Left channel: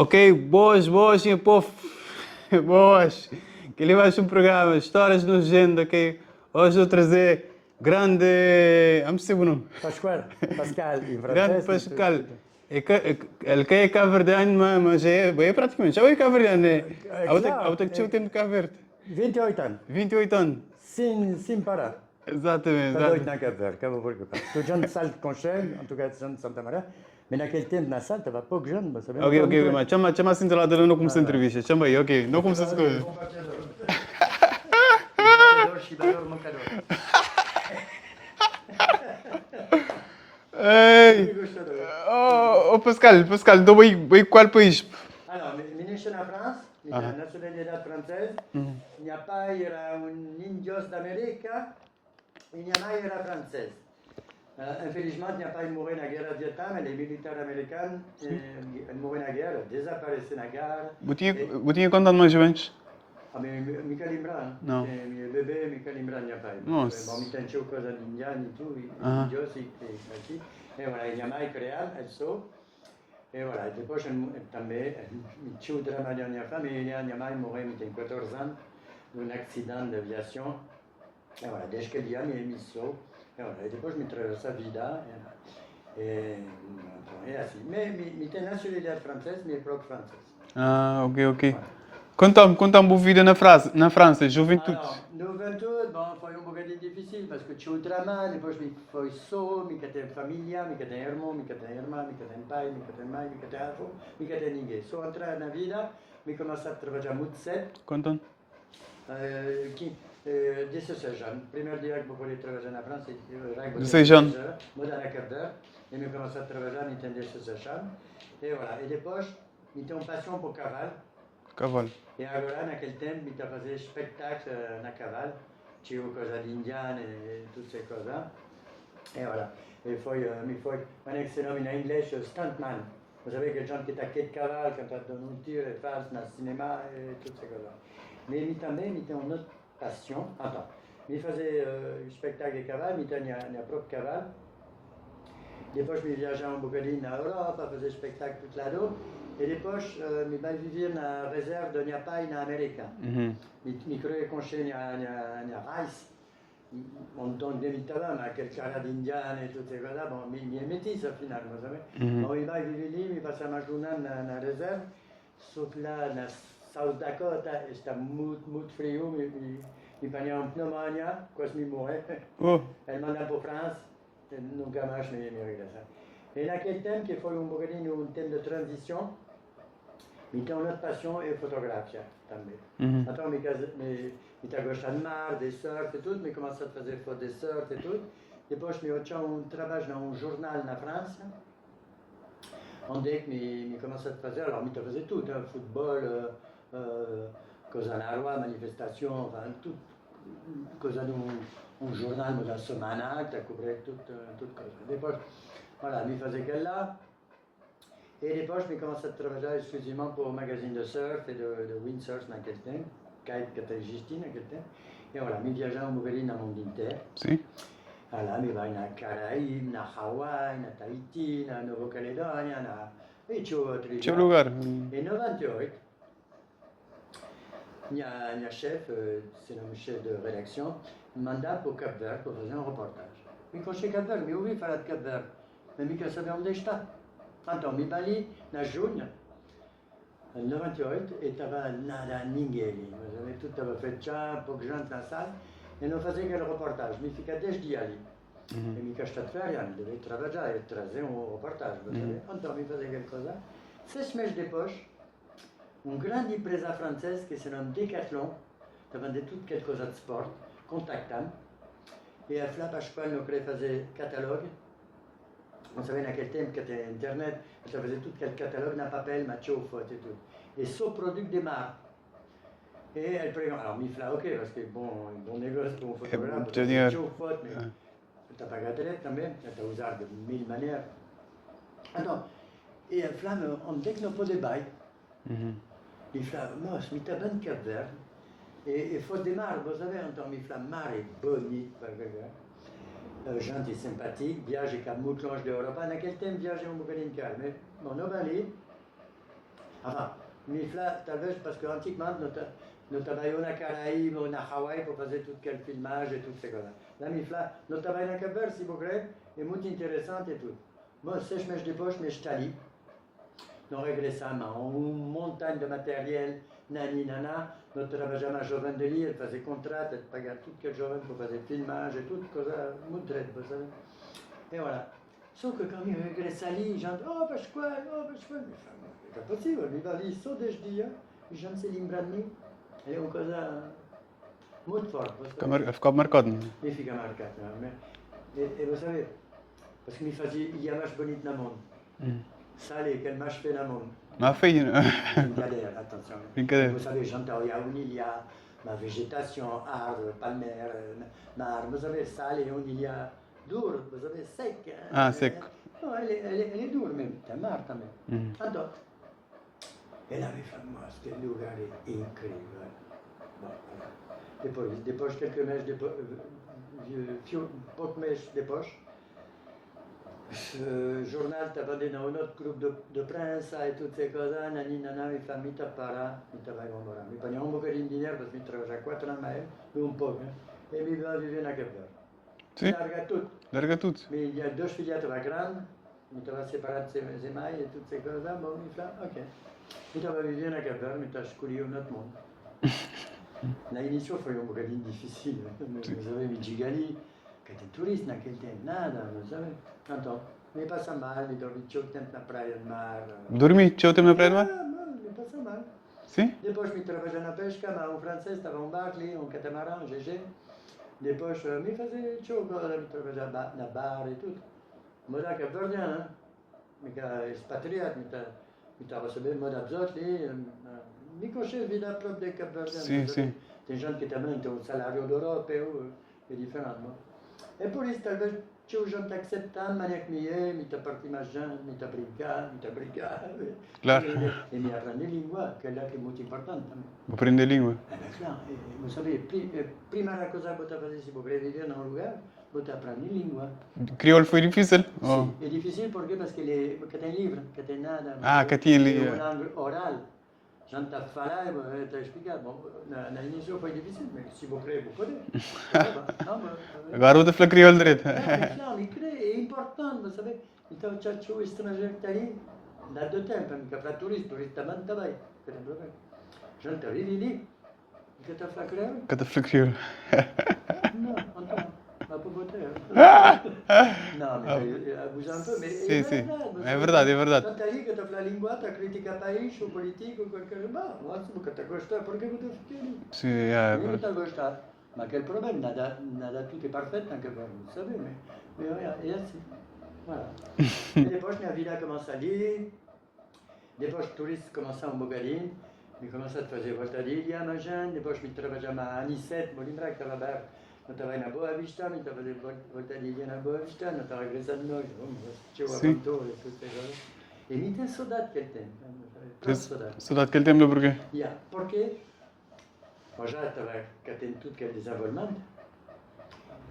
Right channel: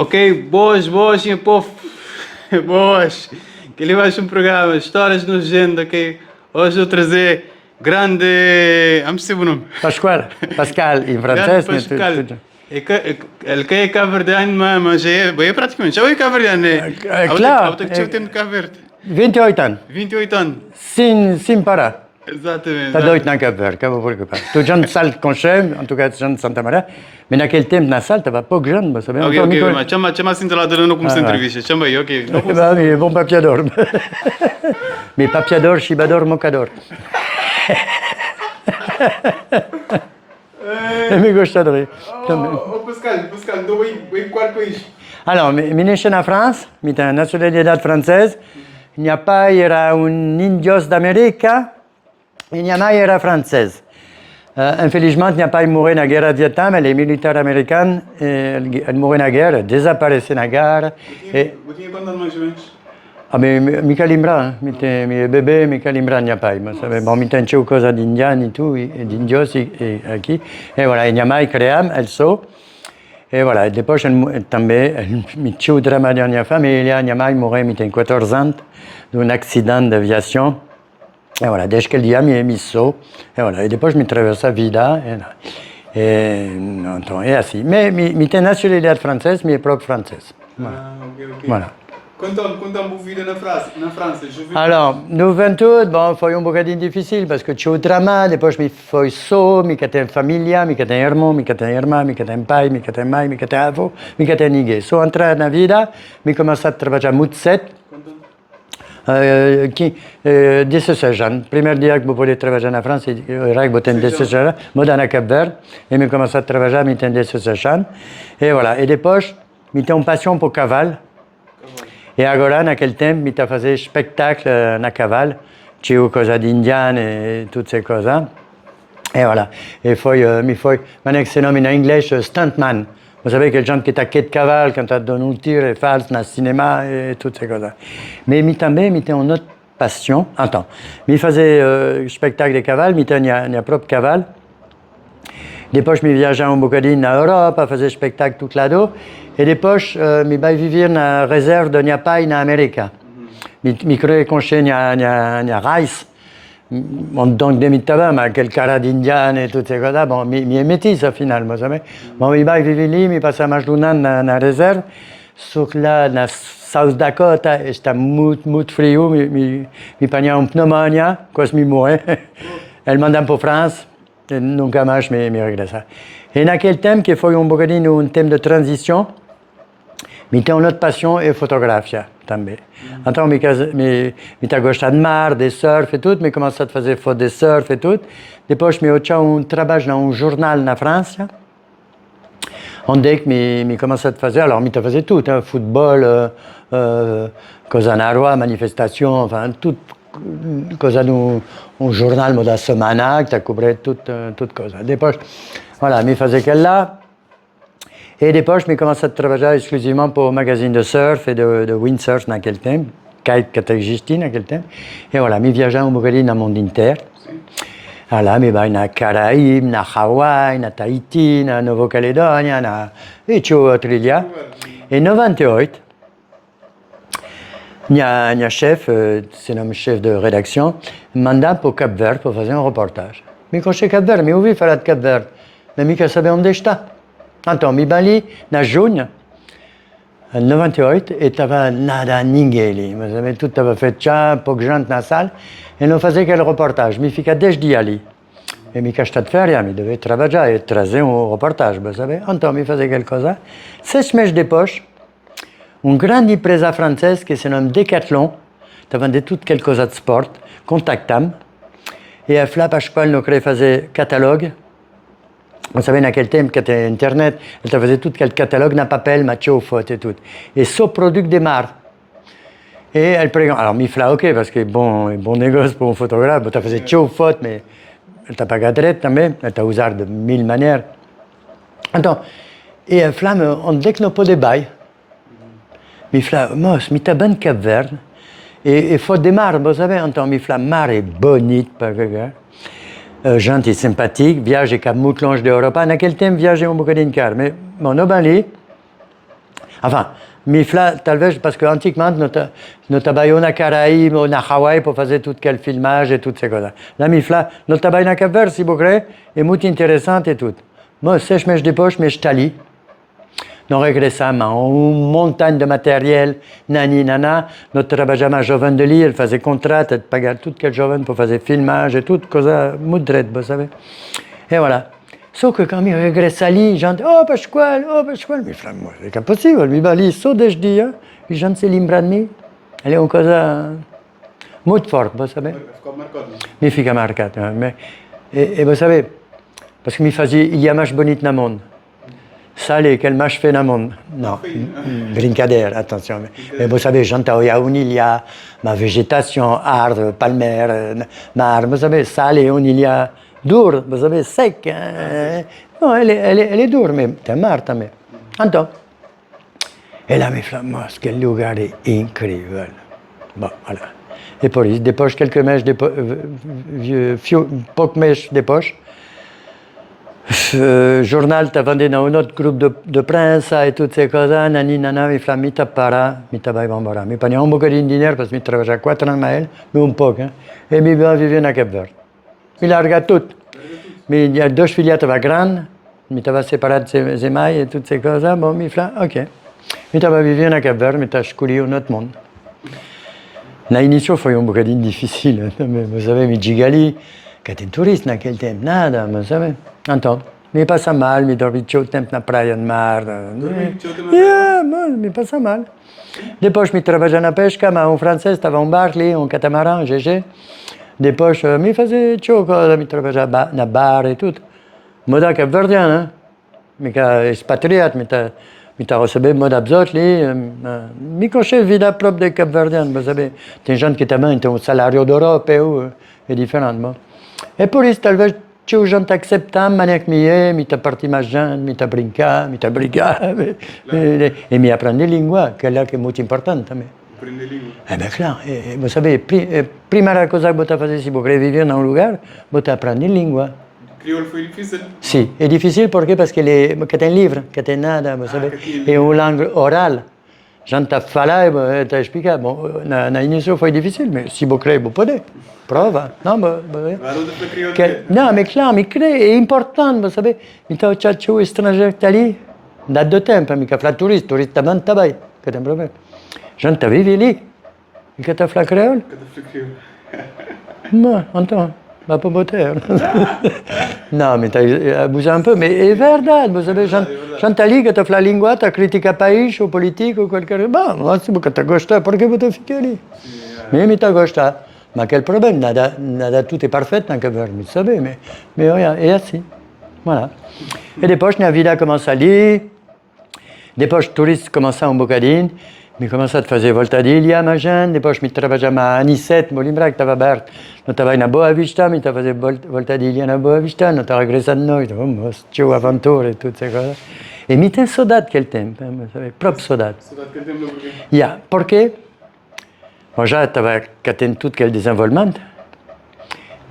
Ok, boas, boas, meu povo. Boas. Que ele vai um programa, Histórias no Agenda, ok? Hoje eu trazer grande... Vamos dizer o nome. Pascal, in Grande francese, Pascal. Ele que é Cabo Verdeano, mas é praticamente. Já é Cabo Verdeano, né? Claro, Até que eu tenho Cabo Verde. 28 anos, 28 anos. sem parar. Exatamente, Está doido na exatamente. Cap Verde, que vou preocupar. Tu gente de Salto Conchem, en tout cas gente de Santa Maria, mas naquele tempo na Salto estava pouco gente, mas sabemos. Ok, ok, mas chama assim de lá, eu não comecei a entrevista. Chama aí, ok. Não comecei a Mais bon papiador. Mais papiador, chibador, mocador. Me gostaria. Pascal, então vai qual país? Alors, je suis né en France, j'ai une nationalité française. Il n'y a pas, il y a un indios d'Amérique, il n'y a pas, il y a française. Infelizmente, il n'y a pas mouru dans la guerre du Vietnam, les militaires américains, ils mouru dans la guerre, désaparus dans la guerre. Vous tinha quantos anos mais ou menos? Ah, mais Michael Limbra, mes bébés, Michael Limbra, il n'y a pas. Bon, mais t'as une chose d'indiens et tout, d'indios ici. Et voilà, il n'y a pas, il créam, elle saut. Et voilà, et després també mi xiu drama de la meva família, minha mãe morreu mi ten 14 ans d'un accident d'aviació. Et voilà, des que dia mi saut. Et voilà, et després mi traversa a vida. Et assim. Mais mi ten nacionalitat francesa, mi é próprio francês. Ah, ok. Voilà. Conta-me a vida na França, juventude. Alors, juventude, bon, foi um bocadinho difícil, parce que tinha o drama, depois me foi só, me tem família, me tem irmão, me tem irmã, me tem pai, me tem mãe, me tem avô, me tem ninguém. Só entrar na vida, me comecei a trabalhar muito cedo. Quanto? 16 anos. Primeiro dia que eu pude trabalhar na França, era que eu tenho 16 anos, eu na Cap Verde, e me comecei a trabalhar, me tenho 16 anos. E voilà, e depois, me tenho uma paixão por cavalo. E agora, naquele tempo, me fazer spectacle na cavalo, tinha coisa de indiana e tudo essas coisas. E voilà. E me foi, mané que se nome em inglês, stuntman. Vous savez, que gente que está aqui de cavalo, quand tu donnes un tir, é falso, no cinema, e tudo essas coisas. Mas me também, me tem uma outra paixão. Então, me fazer spectacle de cavalo, me tem minha própria cavalo. Depois me viajar bocadinho na Europa, fazer spectacle tout lado. E depois me vai viver na reserva de minha pai na América. Me criei com minha raiz. Donc, de mi tabam, aquele cara de indiano e tudo isso, bon, me é métisse, finalement, sabe? Bon, me vai viver ali, me passa mais de ano na reserva. Só que lá, na South Dakota, está muito frio, me apanha pneumonia, quase me morre. Ele manda para a França. Nunca mais me regressa. E naquele tempo, que foi bocadinho um tempo de transição, me tem uma outra paixão é fotografia também. Então, me está gostando de mar, de surf e tudo, me comecei a fazer foto de surf e tudo. Depois, me tinha trabalho num jornal na França, onde que me comecei a fazer, alors, me está a fazer tudo, futebol, coisa na rua, manifestação, enfin, tudo. Coisa de jornal da semana que cobrait toute coisa. Depois, voilà, me fazer aquele lá. E depois me comecei a trabalhar exclusivamente para o magazine de surf e de windsurf naquele tempo, que existia naquele tempo. E voilà, me viajar bocadinho no mundo inteiro. Sim. Voilà, me vai na Caraíbe, na Hawaii, na Tahiti, na Nova Caledônia, e tinha outro dia. Em 98, minha chefe, se nome chefe de redação, me manda para o Cap Verde para fazer reportagem. Me conheci Cap Verde, me ouvi falar de Cap Verde, mas me quer saber onde está. Então, me ali, na junho, em 98, e estava nada, ninguém ali. Mas tudo estava feito já, pouca gente na sala, e não fazia aquela reportagem. Me fica 10 dias ali. E me está de férias, me devia trabalhar e trazer reportagem, sabe? Então, me fazia aquela coisa. 6 meses depois, uma grande empresa francesa que se chama Decathlon, está vendendo tudo aquela coisa de esporte, contacta-me. E a Flá Pascoal não queria fazer catálogo. Vous savez, naquele tempo que tinha internet, ele fazia tudo aquele catálogo na papel, mas tinha foto e tudo. E só produto de mar. E ele perguntou, alors me falou, ok, parce que é bom negócio para um fotógrafo, ele fazia tinha foto, mas ele está pagado direito também, ele está a usar de mil maneiras. Então, e a Flá, onde é que não pode ir? Me falou, moço, me está bem de Cabo Verde, e foto de mar, vous savez, então me falou, mar é bonito para ver. Gente simpática, viagem que é muito longe da Europa. Naquele tempo, viagem bocadinho caro. Mas, bom, no Bali, Enfin, Mifla, talvez, parce qu'antiquement, nous travaillions na Caraïbes ou na Hawaï pour faire tout quel filmage et toutes ces choses. La Mifla, nous travaillons na Cap-Vert, si vous voulez, est muito intéressante et tout. Moi, sèche mes de poche, mais je t'allie. Nous regressamos, une montagne de matériel, nani, nana. Nous travaillions à Joven de Lille, elle faisait contrat, elle pagait tout quel Joven pour faire filmage et tout, cosa moudrette, vous savez. Et voilà. Sauf que quand il regresse à Lille, j'entends, oh, Pasquale, mais moi, c'est impossible, mi va lì, so de dia, e j'en sais l'imbranmi. Elle est une cosa molto forte, vous savez. Ficou marcado. Mi fica marcato. Mais, et vous savez, parce que mi faisait, il y a match bonito na monde. Salé, quel match fait na monde. Non, brincadeira, attention. Mais vous savez, j'entends, il y a une ilia, ma végétation, arbres, palmer, mar, vous savez, salé, une ilia dure, vous savez, sec. Hein? Ah, sec. Non, elle est dure, mais t'es marre, mais. Attends. Et là, mes flammes, quel lugar est incroyable. Bon, voilà. Et pour ils dépochent quelques mèches, poques mèches des poches. Journal, t'as vendu dans un autre groupe de princes et toutes ces choses, nani, nana, mes flammes, mi tapara, mi tabai bambara. Mi pagniamo un bocadinho de dinheiro, parce que mi travaillais 4 ans à elle, mais un peu, hein. Et mi va vivre à Cap-Vert. Mi larga tout. Larga tudo. Mais il y a 2 filiates grandes, mi t'avais séparé de ces émailles et toutes ces choses, bon, mi flammes, ok. Mi t'avais vivre à Cap-Vert, mi t'as scoulé un autre monde. L'initiative foi un bocadinho difficile, vous savez, mi gigali, che t'es touriste naquele tempo, nada, vous savez. Então, mi passa mal, mi dormi tout le tempo na praia de mar. Dormi, tinha o tempo na praia? Mi passa mal. Sim. Depois mi trabalhava na pesca, mas um francês estava um bar ali, um catamarã, GG. Depois mi fazia ciò cosa, mi trabalhava na bar e tudo. Moda capverdiano, mica expatriat, mi t'as recevé moda absot ali, mi conosce vida propria dei capverdiani, vous savez. Tem gente que também tem um salário europeu, é diferente, bon. E por isso, talvez, c'è gente acceptam, maniac mi t'ha parti mais gente, mi t'ha brincar, e mi apprendre língua, que é muito importante também. Aprender língua. Eh bien, claro, vous savez, primeira cosa que você fazer se você viver num lugar, você aprende língua. Crioulo foi difícil? Sim, é difícil porque que tem livro, que tem nada, vous savez. É uma língua oral. Gente a falar e a explicar. Bom, na início foi difícil, mas se você quer, você pode. Prova. Não, Agora você fala crioulo direito. Não, mas claro, mas é importante, vous savez. Então, o o estrangeiro que está ali, dá de tempo, mica fala turista também está bem, que tem problema. Gente a vive ali, e que está fala creole. Que fala crioulo. Não, então. Va pas botter. Non, mais t'as abusé un peu, mais c'est vrai, vous savez, quand ali que tu fais la lingua, tu critiques un pays, ou politique, ou quelque chose. Bon, c'est parce que tu gostes, pourquoi vous te fiquez là? Mais tu gostes. Mais quel problème? Nada, tout est parfait dans le Cap-Vert, vous savez, mais regarde, et ainsi. Voilà. Et des poches, la vida commence à lire, des poches touristes commencent un bocadinho, mi commence a fazer voltadilha, ma gente, depois mi trabalhava a Anicete, vou lembrar que estava aberto. Não estava na Boa Vista, mi estava a fazer voltadilha na Boa Vista, não estava regressando de noite, vamos, tinha aventura e tudo isso. E mi tem saudade daquele tempo, sabe? Próprio saudade. Saudade daquele tempo, porquê? Yeah, porque eu já estava tendo tudo aquele desenvolvimento,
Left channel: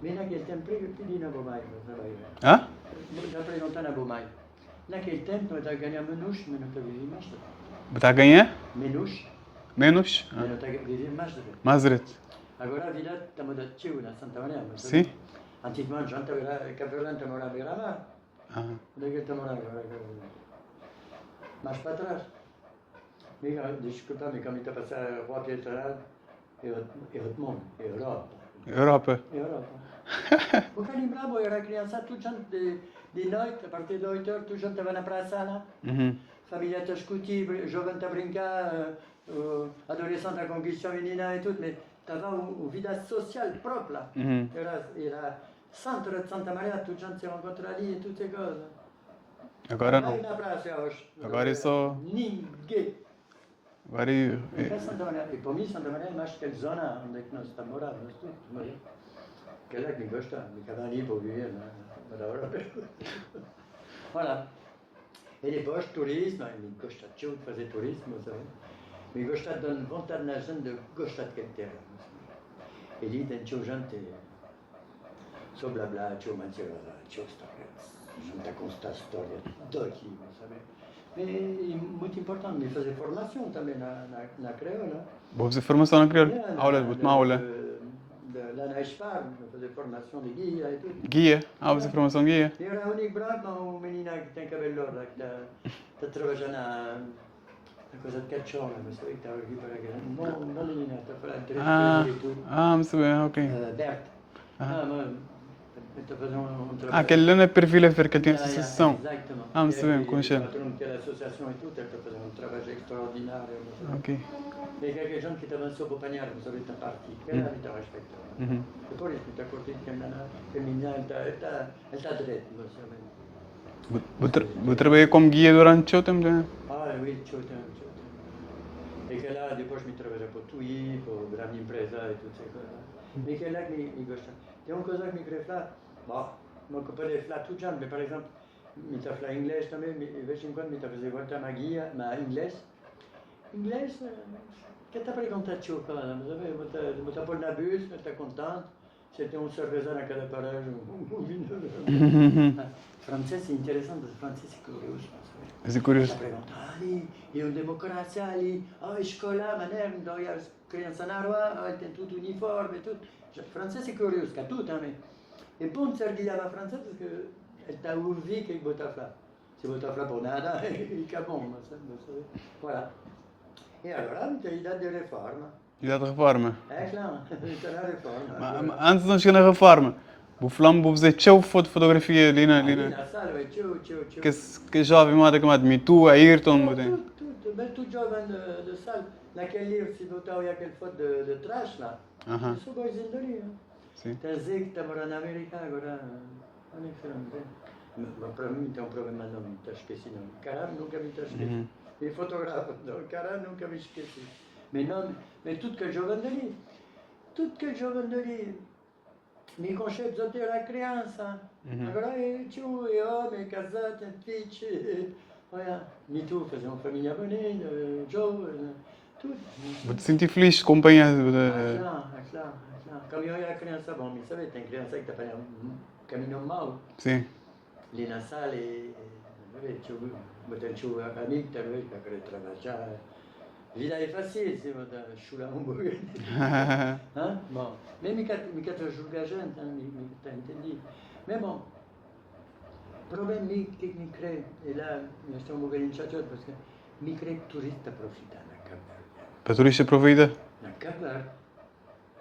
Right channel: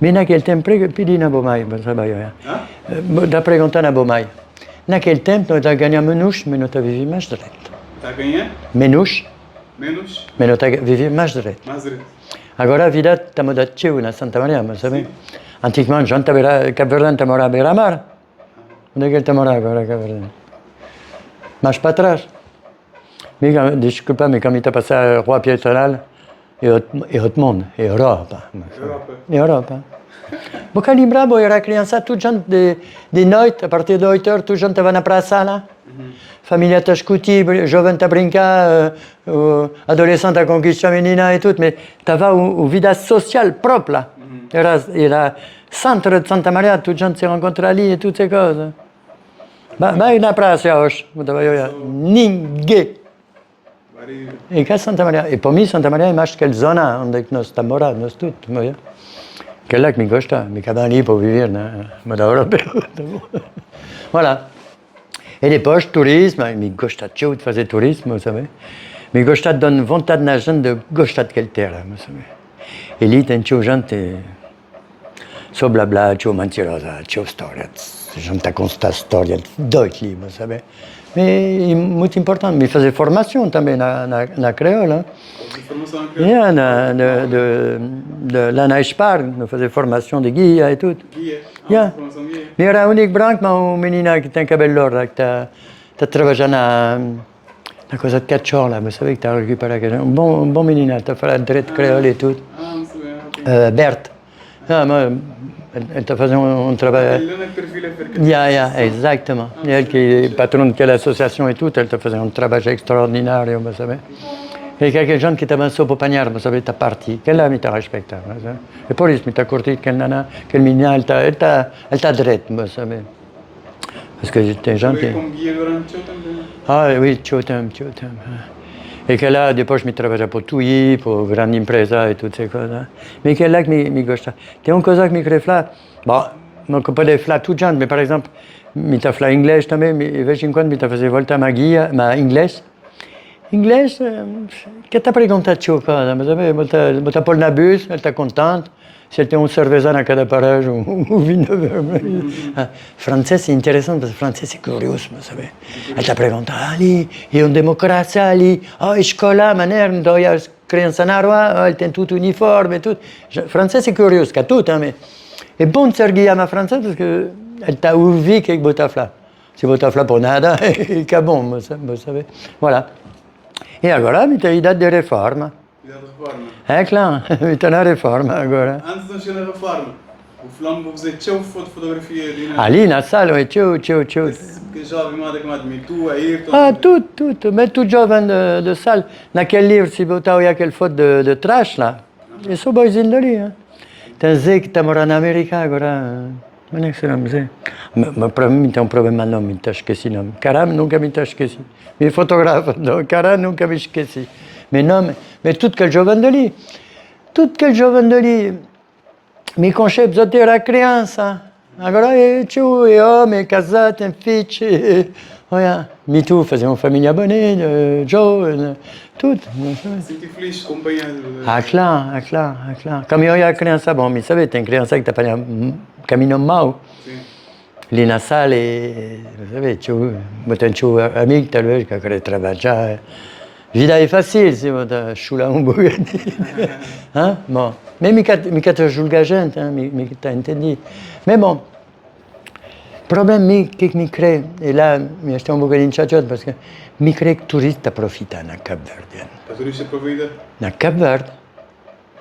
mas naquele tempo, pedi na Bomai, sabe? Da perguntar na Bomai. Naquele tempo, nós ganhamos menos, mas nós vivíamos mais direito. Está a ganhar? Menos. Menos? Mas nós vivíamos mais direito. Mais direito. Agora a vida está mudando teu na Santa Maria, sabe? Antigamente, já estava Cap-Verdano, está morando à beira-mar. Onde é que ele está morando agora, Cap-Verdano? Mais para trás. Desculpa, mas quando está passando a Rua Pietronal, é outro mundo, é Europa. Europa. É Europa. Porque lembrava, eu era criança, toda gente de noite, a partir de 8 horas, toda gente estava na praça lá. Família está a discutir, jovem está a brincar, adolescente a conquistar a menina e tudo, mas estava uma vida social própria lá. Era centro de Santa Maria, toda gente se encontra ali e tudo essas coisas. Mas na praça hoje, ninguém. E cá Santa Maria, e para mim Santa Maria é mais aquela zona onde nós estamos morando, nós todos. Que é lá que me gosta, me acabam ali para viver na moda europeia. Voilà. E depois, turismo, me gosta de fazer turismo, sabe? Me gosta de dar vontade na gente de gostar daquela terra, sabe? E ali tem gente, só blá blá, mentirosa, história. A gente está com esta história doida ali, sabe? Mais muito importante, me fazer formação também na creole. Hein. Você formação na crioulo? Lá na Espar, me fazer formação de guia e tudo. Guia? Yeah. Formação guia? Eu era o único branco, mas uma menina que tem cabelo louro, que está trabalhando na coisa de cachorro, lá, você sabe que está a recuperar aquele. Bom menina, está a falar direito creole e tudo. Não sei bem, ok. Berta. Não, mas ele está a fazer um trabalho. Aquele não é perfil é fercativo. Exatamente. Ele que é patrão daquela associação e tudo, ele está a fazer um trabalho extraordinário, você sabe. E quelques gens qui t'avancent pour panier, vous savez, ta partie. Quelle là, m'ta respecte. Et pour lui, m'ta courti, quelle nana, quelle mina, elle t'a drette, vous savez. Parce que j'étais gens qui... comme guia durante o tempo? Ah oui, tout le temps. Et que là, depois, je travaillais pour TUI, pour grande empresa et toutes ces choses. Mais que là, que me gosta. Tem uma coisa que me crée là. Bon, não que pode falar tudo gente, mais par exemple, me ta falar inglês também, de vez em quando me ta fazer voltar ma guia, ma inglês. Inglês, que tá perguntando tio coisa, mas sabe, bota pôr na bus, ela está contente. Se ele tem cerveja na cada paragem, vinho. Francês é interessante, porque francês é curioso, mas sabe. Ele está perguntando, ali, é uma democracia ali, escola, maneira, então as crianças na rua, ele tem tudo uniforme, tudo. Francês é curioso, que tudo também. É bom de ser guiado francês, porque ele está ouvindo que bota falar. Se bota falar por nada, é bom, vous savez. Voilà. E agora, me tem idade de reforma. Idade de reforma? É claro, me tem na reforma agora. Antes de chegar na reforma, o Flambo fazer tchau fotografia ali na... Ali na sala, tchau. Que jovem moda como admite, tu, Ayrton... Tudo. Mas tudo jovem de sala. Naquele livro, se botar aquele foto de trás lá, eu sou boizinho dali. Hein? Tem Zé que está morando na América agora. Não é que se chama Zé. Mas para mim tem problema não, me está esqueci não. Caramba, nunca me está esqueci. Me fotografa, não, caramba, nunca me esqueci. Mais tout quel jovem dali. Tudo aquele jovem dali. Me conceito de ter a criança. Agora é tio, é homem, é casado, tem filho. Olha, me tu fazer uma família bonita, Joe, tudo. Senti feliz, companhia. Claro. Como eu e a criança, bom, me sabe, tem criança que está fazendo caminho mau. Sim. Ali na sala, vous savez, tio, tem tio amigo, talvez, que quer trabalhar. Vida é fácil, se você chula bocadinho. Bom, mas me quer julgar a gente, me está entendido. Mas bom, o problema que me crê, e lá me estou bocadinho chateado, porque me crê que turista profita na Cabo Verde. Para turista aproveita? Na Cabo Verde.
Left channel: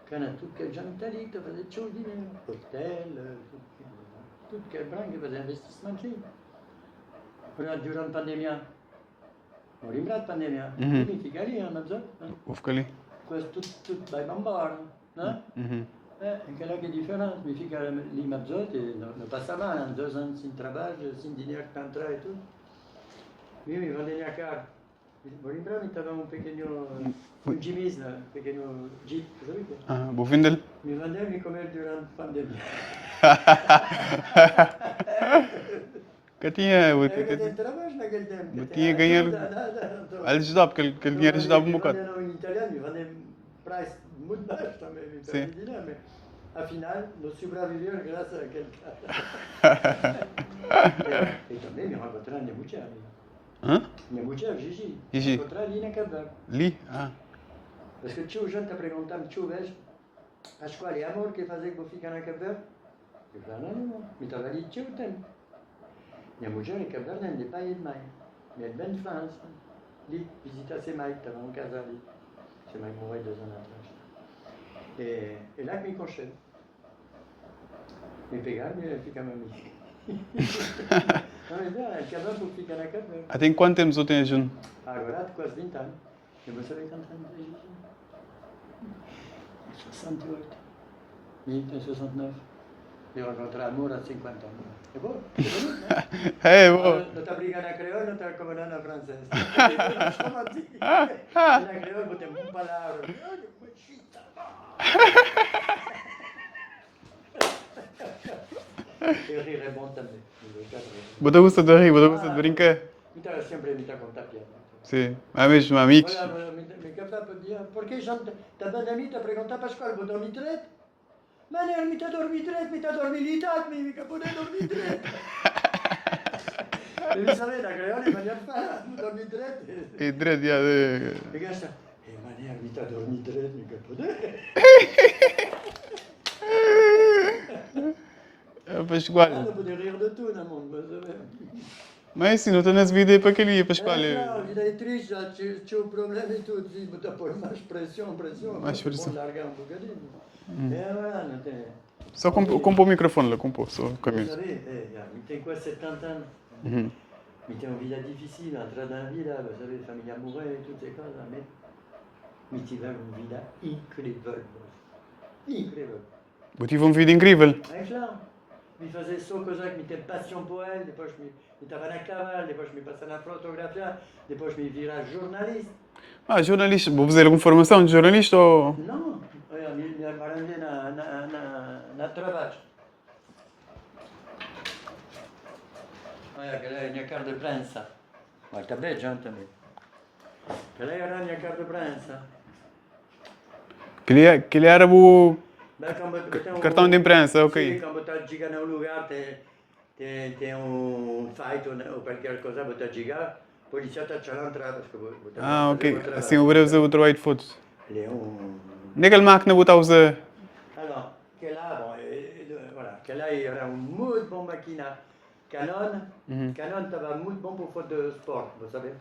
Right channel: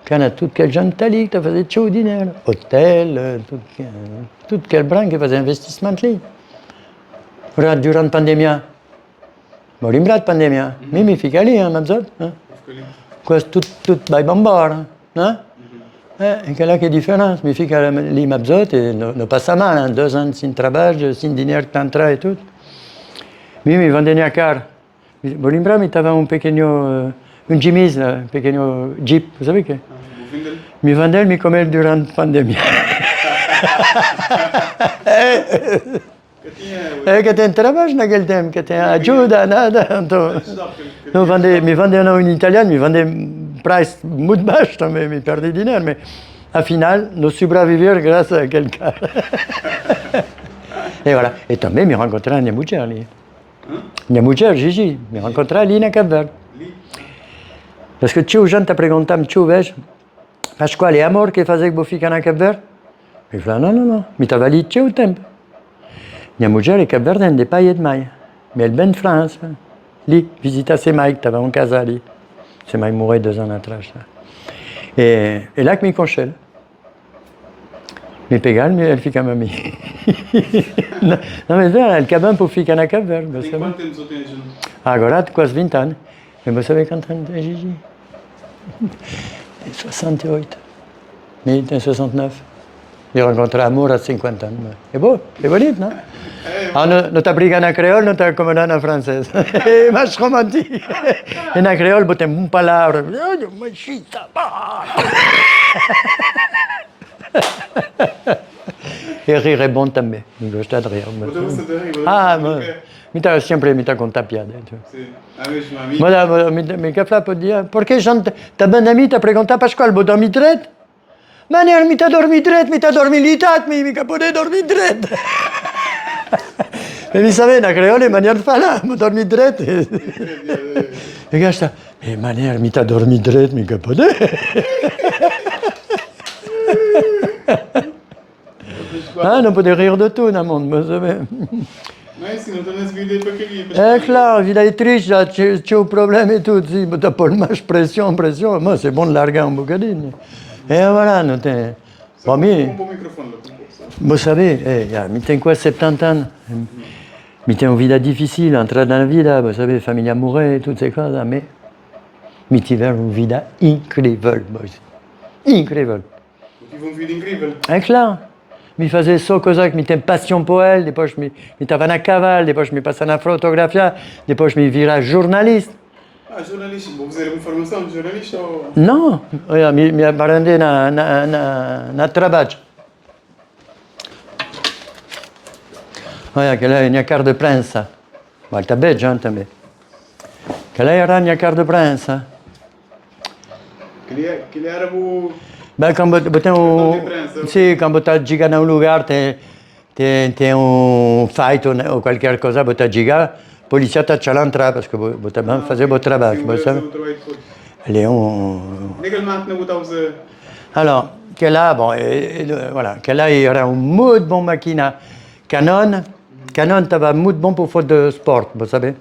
Cana tudo que a gente está ali, que está a fazer tchau dinheiro. Hotel, tudo que é branco, que faz investimento ali. Durante a pandemia. Vou lembrar de pandemia. Me fica ali, Mabzot. Fica ali. Quase tudo vai embora. É aquela que é a diferença. Me fica ali, Mabzot, e não passa mal. 2 anos sem trabalho, sem dinheiro que entra e tudo. Me vendem a cara. Vou lembrar, me estava pequeno Jimmy's, um pequeno Jeep, vous savez que? Vou vender? Me vendem, me comer durante a pandemia. Que tem trabalho naquele tempo, que tem ajuda, nada. Então, me vendem não em italiano, me vendem preço muito baixo também, me perdi dinheiro, mas afinal, não sobreviver graças àquele cara. E voilà. E também me rencontrei a minha mulher ali. Minha mulher, Gigi, me rencontrei ali na Cabo Verde. Ali? Parce que tio, gente a perguntar-me, tio, vejo, Pascoal, é amor que fazer que vou ficar na Cabo Verde? Eu falei, não, me estava ali tio o tempo. Minha mulher é Cabo Verde, de pai e de mãe. Mas ele vem de França. Ali, visitar ses mães, que estava em casa ali. Ses mães morreram 2 anos atrás. E lá que me conchele. Me pegaram, ele fica a mim. Não, mas ele acabou por ficar na Cabo Verde. Tem quanto tempo você tem junto? Agora, quase 20 anos. Mas você sabe quantos anos tem Gigi? Tem 68. Ele tem 69. Eu rencontrei amor há 50 anos. É bom, é bonito, não? É bom. Não está brigando na creole, não está como na francesa. É mais romântico. E na creole, botem uma palavra. Machita, E rir é bom também. Me gosta de rir. Você gosta de rir? Você gosta de brincar? Me sempre me está contar piada. Sim, a mesma amiga. Me café pode dizer, porque a gente está bem a mim, está a perguntar para a escola, vou dormir direito? Maneiro, me está a dormir direito, me está a dormir litado, me pode dormir direito. E mi savait, la créole, et manière de faire là, m'a dormi drette. E drept, ia de... Le gars, j'étais, et manière, mi t'a dormi drette, mi capodé. Ah, non peut rire de tout dans le monde, vous savez. Mas sim, não estou nas vidas para aquele dia, para Eh, claro, il est triste, là, tu as un problème et tout. Si, t'as pas le match, pression. Moi, c'est bon de larguer un bocadine. Et voilà, nous t'es. Só Pour moi, compor o microfone lá, compor só. vous savez, mi t'es quoi, 70 ans? Mi t'es une vie difficile, entrer dans la vie, là, vous savez, famille amoureux, toutes ces choses, mais. Mi t'es une vie incroyable, boys. Incroyable. Eu tive uma vida incrível. É claro. Mi faisais só coisa que mi tem passion pour elle, depois mi estava na cavalo, depois mi passava na fotografia, depois mi vira jornalista. Ah, jornalista. Vou fazer alguma formação de jornalista ou... Não, olha, mi aprendi na trabalho. Olha, aquela é a minha carta de prensa. Mas está bem, John, também. Aquela era a minha carta de prensa. Aquele era o... Ben, quand Cartão de imprensa, ok. Sì, quando tu giochi in un lugar, tem un fight ou qualquer cosa, tu giga, polizia ti l'entra perché tu fai il trabalho. Sim, o Brasil o trabalho de fotos. Ele é Naquela máquina você usa... Alors, que là, bon, voilà, que là, il y aura un muito bon máquina. Canon, Canon estava muito bom pour foto de sport, vous savez.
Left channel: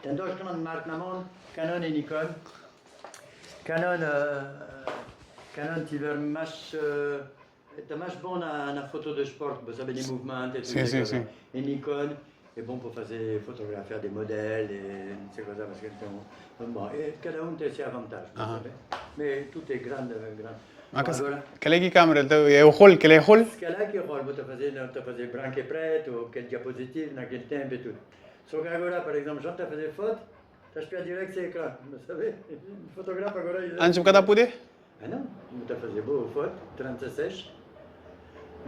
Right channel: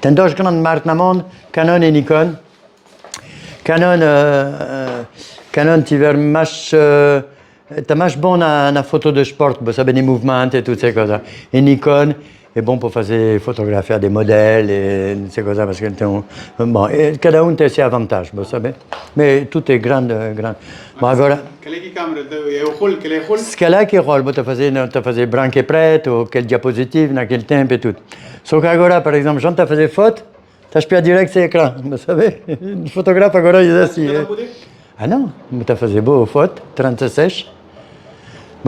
Tem duas grandes marcas no mundo, Canon e Nikon. Canon tiver mais, está mais bom na foto de sport, vous savez, les mouvements et toutes ces choses. Et Nikon est bon pour faire photographier des modèles et ces choses parce que bon, cada um tem ses avantages, vous savez. Mais tout est grand. Bon, agora, Qual é que câmera? É o rolo? Qual é o rolo? ce qu'elle a qui rôle, tu faisais branco et prête ou quelle diapositive naquele tempo et tout. Sauf qu'agora, par exemple, quand tu faisais foto, tu as direct sur l'écran, vous savez. Le photographe agora il est Antes de poder? Ah non, tu faisais beau foto, 36.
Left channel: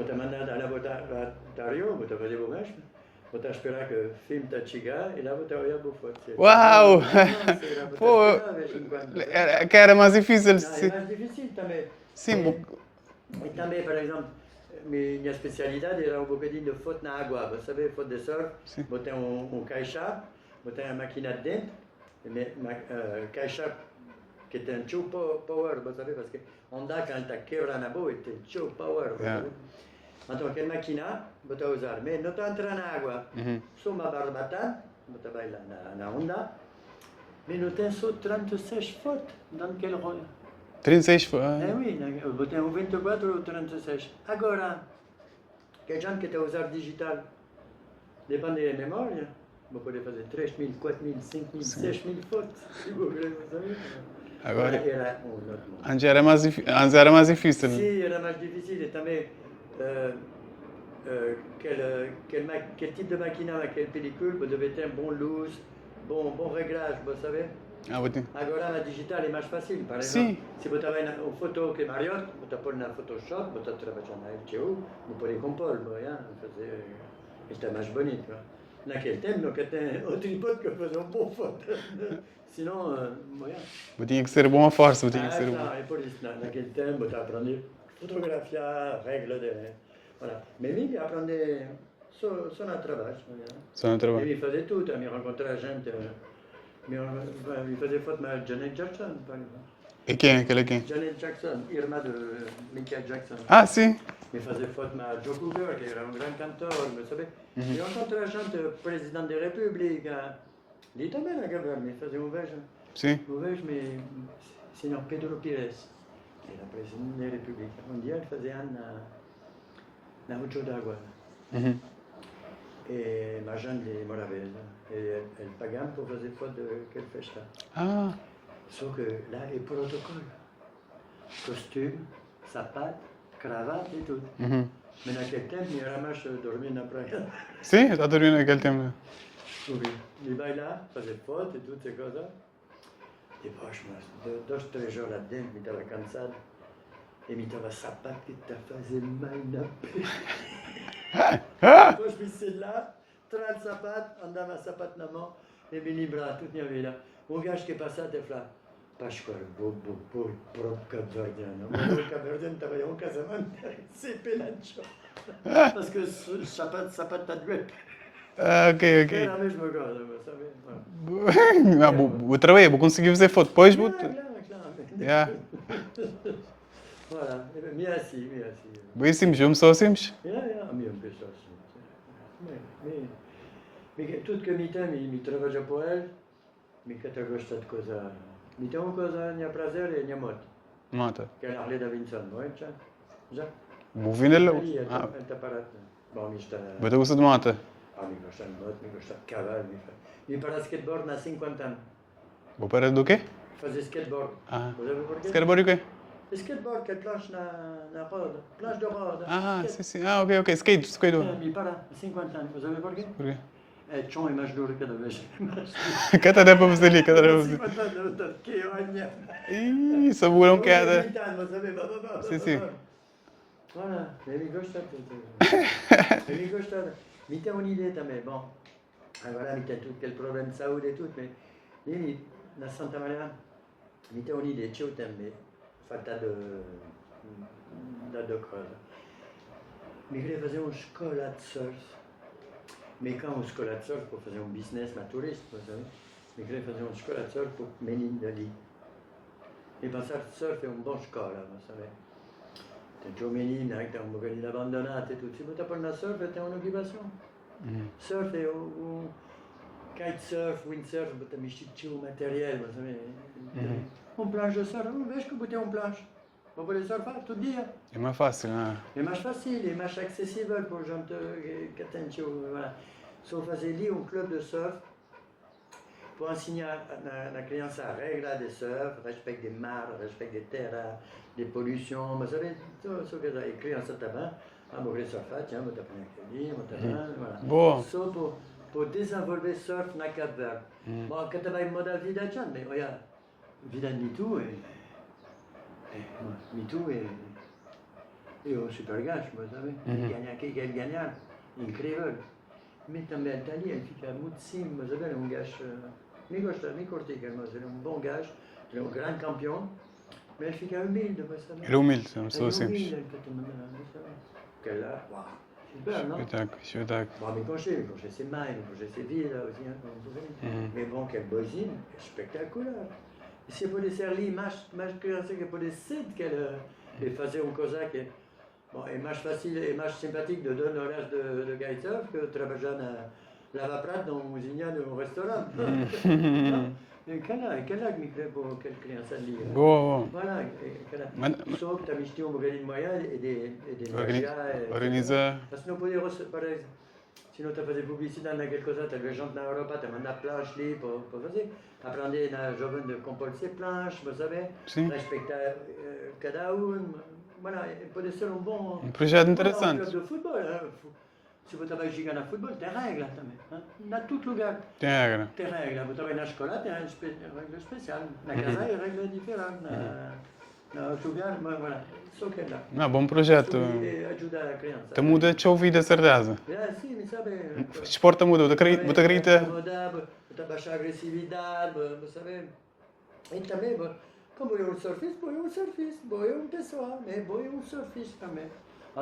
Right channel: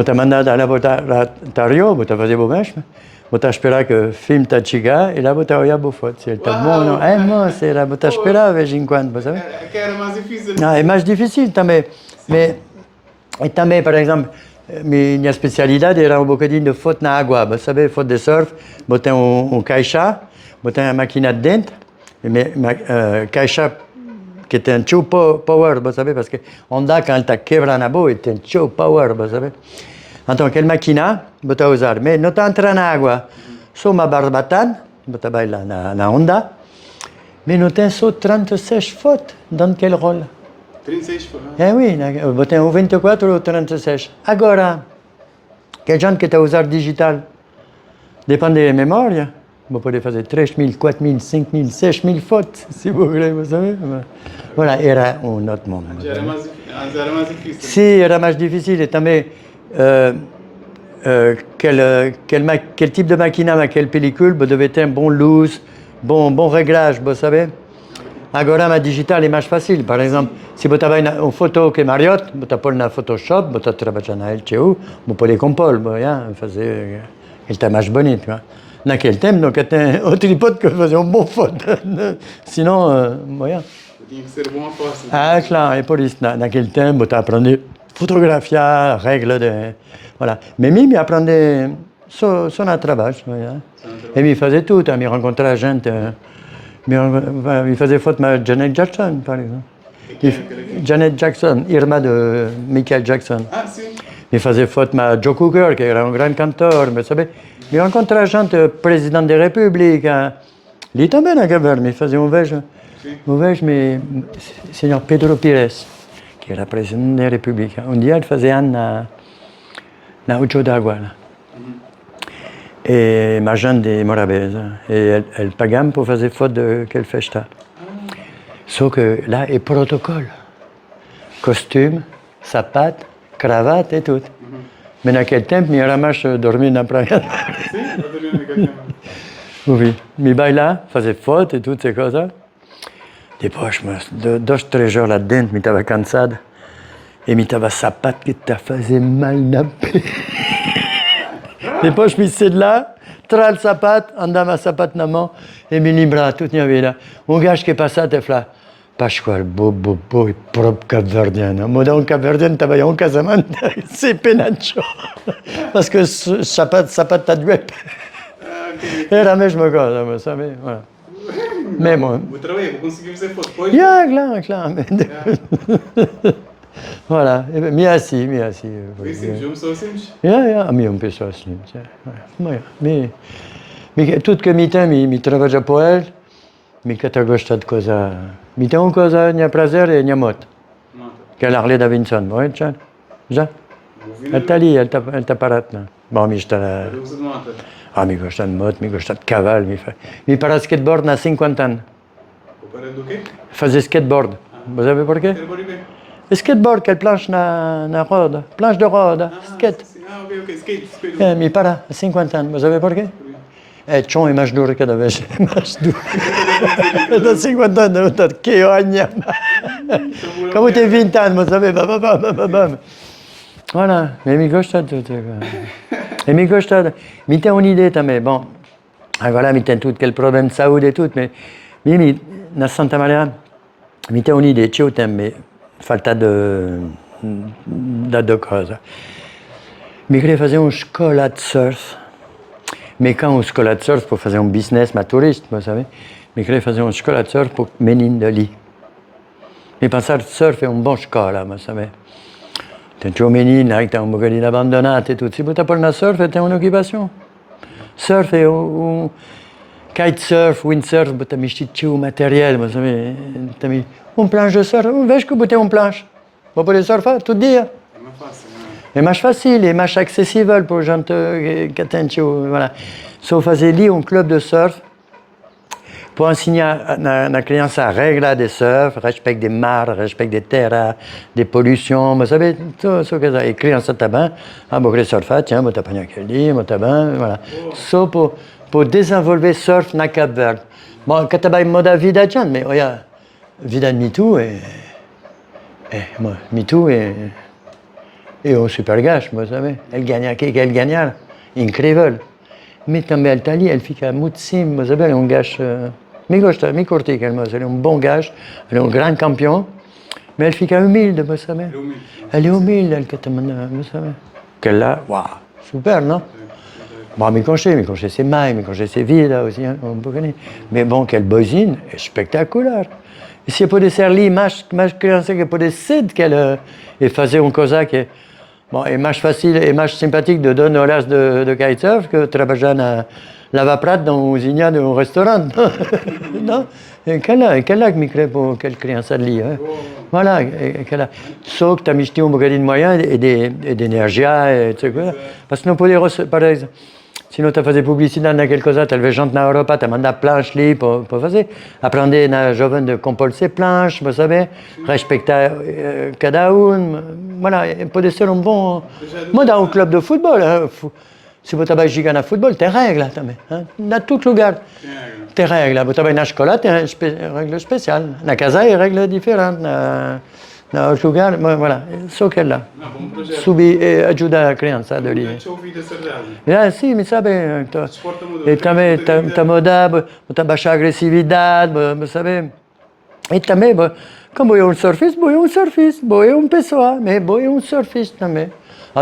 Tu mandado à la Rio, tu faisais beau mesmo. Tu esperava que film ta chiga e lá tu olhava beau foto. C'est Uau! non, c'est là, tu esperava de vez em quando, vous savez. Que era mais difícil. Non, é mais difícil também. Mais, e também, por exemplo, minha especialidade era um bocadinho de foto na água, vous savez, foto de surf. Botei caixa, botei uma máquina de dentro, caixa que tem show power, vous savez, parce que Honda, quand elle quebra na boa, tem show power, vous savez. Então, aquela máquina, você usar, mas não está entrando na água. Só uma barbatana, você vai lá na Honda, mas não tem só 36 fotos dans quel rôle. 36? Eh oui, você tem 24 ou 36. Agora, que gente que está a usar digital, depende da memória, vous pouvez faire 3 000, 4 000, 5 000, 6 000 fotos, si vous voulez, vous savez. Voilà, era um outro mundo. Antes era mais difícil. Sim, era mais difícil. E também, quel type de máquina, quelle pellicule, vous devez ter bon luz, bon réglage, vous savez. Agora, a digital é mais fácil. Par exemple, se você vai na uma foto que é Marriott, você põe na Photoshop, você trabalha na LTU, você pode compor, fazer, ele está mais bonito. Naquele tempo, não tem outro hipótese que fazer uma boa foto. Senão, tinha que ser bom a força. Ah, claro, e por isso, naquele tempo, você aprende a fotografar, regra de... Voilà. Mais me aprende só no trabalho. E me fazer tudo, me encontrar gente. Me fazer foto de Janet Jackson, par exemple. E quem? Janet Jackson, irmã de Michael Jackson. Ah, sim. Me fazer foto de Joe Cocker, que era um grande cantor, mas sabe? Me encontrar gente, presidente da República. Ele também na Gaber, me fazia vejo. Sim. Vejo, senhor Pedro Pires, que era presidente da República. Dia ele fazia ano na Ocho d'Água. E ma gente de Morabeza. E ele pagava para fazer foto daquela festa. Só que lá é protocolo. Costume, sapato, cravata e tudo. Mas naquele tempo, eu era mais dormir na praia. Sim, já dormi naquele tempo. Oui, me vai lá, fazer foto e tudo, essas coisas. Depois, 2, 3 horas lá dentro, me estava cansado. E me estava sapato que está fazendo mal na pele. Depois, me saí de lá, trago o sapato, andava o sapato na mão e me lembrava toda a minha vida. Um gajo que passava e falava, Pascoal, bobo, e próprio cabo-verdiano. Mas um cabo-verdiano estava em um casamento, c'est penacho. Parce que o sapato está doente. Ah, ok, ok. Era a mesma coisa, mas sabe? Voilà. Não, o trabalho, vou conseguir fazer foto depois. Yeah, claro. Yeah. Voilà, merci. Vê simples, eu sou simples. A mim uma pessoa assim. Tudo que me tem, me trabalha para ele, me que gosta de coisa. Me tem uma coisa, minha prazer e minha moto. Mata. Que é a Harley Davidson, não já? Já? Vou vir Ele está ali, ele está parado. Não. Bom, me está lá. Mas eu gosto de mata. Me gosta de moto, me gosta de cavalo, me para skateboard há 50 anos. Vou parar do quê? Fazer skateboard. Vous savez porquê? Quero o quê? Skateboard, aquele planche na roda. Planche de roda. Skate. Sim. Ah, ok. Skate. Me para há 50 anos. Vous savez porquê? É tchon e mais duro cada vez. Mais duro. Cada vez vamos ali, cada Há vez. 50 anos, que olha. Como tem 20 anos, vous savez, bam. Voilà, mais me gosta de tudo. E me gosta de... Me tem uma ideia também, bom, agora me tem tudo aquele problema de saúde e tudo, mas na Santa Maria, me tem uma ideia, eu tenho falta de coisa. Me queria fazer uma escola de surf, mas quand uma escola de surf para fazer um business, mas turista, vous savez, me queria fazer uma escola de surf para menino de ali. Me pensar que surf é uma boa escola, vous savez. Tem um menino que está um bocadinho abandonado e tudo. Se você pôr na surf, tem uma ocupação. Surf é kitesurf, windsurf, você mistura o material, mas também planche de surf. Veja que você tem planche. Você pode surfar todo dia. É mais fácil, não É mais fácil, é mais acessível para a gente que tem. Voilà. Só fazer ali clube de surf pour enseigner na criança a regra de surf, respeito de mar, respeito de terra, de poluição, mas sabe, tudo isso que é. E criança também, vou querer surfar, tiens, vou te apanhar aquele, vou te bem, voilà. Só para desenvolver surf na Cabo Verde. Bom, que também muda a vida de gente, mas olha, a vida de MeToo é um super gajo, mas sabe, ele ganha aquilo que ele ganha, incrível. Mas também ele está ali, ele fica muito sim, mas sabe, é um gajo... Me curti aquele moço, ele é um bom gajo, ele é um grande campeão, mas ele fica humilde, você sabe? Ele é humilde. Ele é humilde, ele que também, você sabe? Que là, waouh, super, non? Bon, me conhece ses mains, me conhece ses vidas, aussi, um pouquinho. Mas bom, aquele boizinho é espetacular. E se pode ser ali mais criança que pode ser que e fazer uma coisa que bom, é mais fácil, é mais simpático de 2 horas de kitesurf que trabalhar na lava-prato dans uma cozinha de um restaurante. Não? Aquela que me crê para aquela criança ali. Voilà, aquela. Só que também tem um bocadinho de moyen e de energia, etc. Parce que não pode, por exemplo, se não está a fazer publicidade naquela coisa, talvez gente na Europa está a mandar planches ali para fazer. Aprender na jovem de compor ses planches, vous savez, respeitar cada um. Voilà, pode ser um bom. Moi, dans um clube de futebol, se você vai jogar no futebol, tem regra também. Em todo lugar. Tem regra. Você vai na escola, tem regra especial. Na casa é regra diferente. Na outro lugar, voilà. Só que lá. Bom projeto. Subir e ajudar a criança. Muda a vida, certeza. Sim, mas sabe. O desporto muda. E também está mudando, está baixando a agressividade, sabe. E também, como eu surfista, eu uma pessoa, mas eu um surfista também.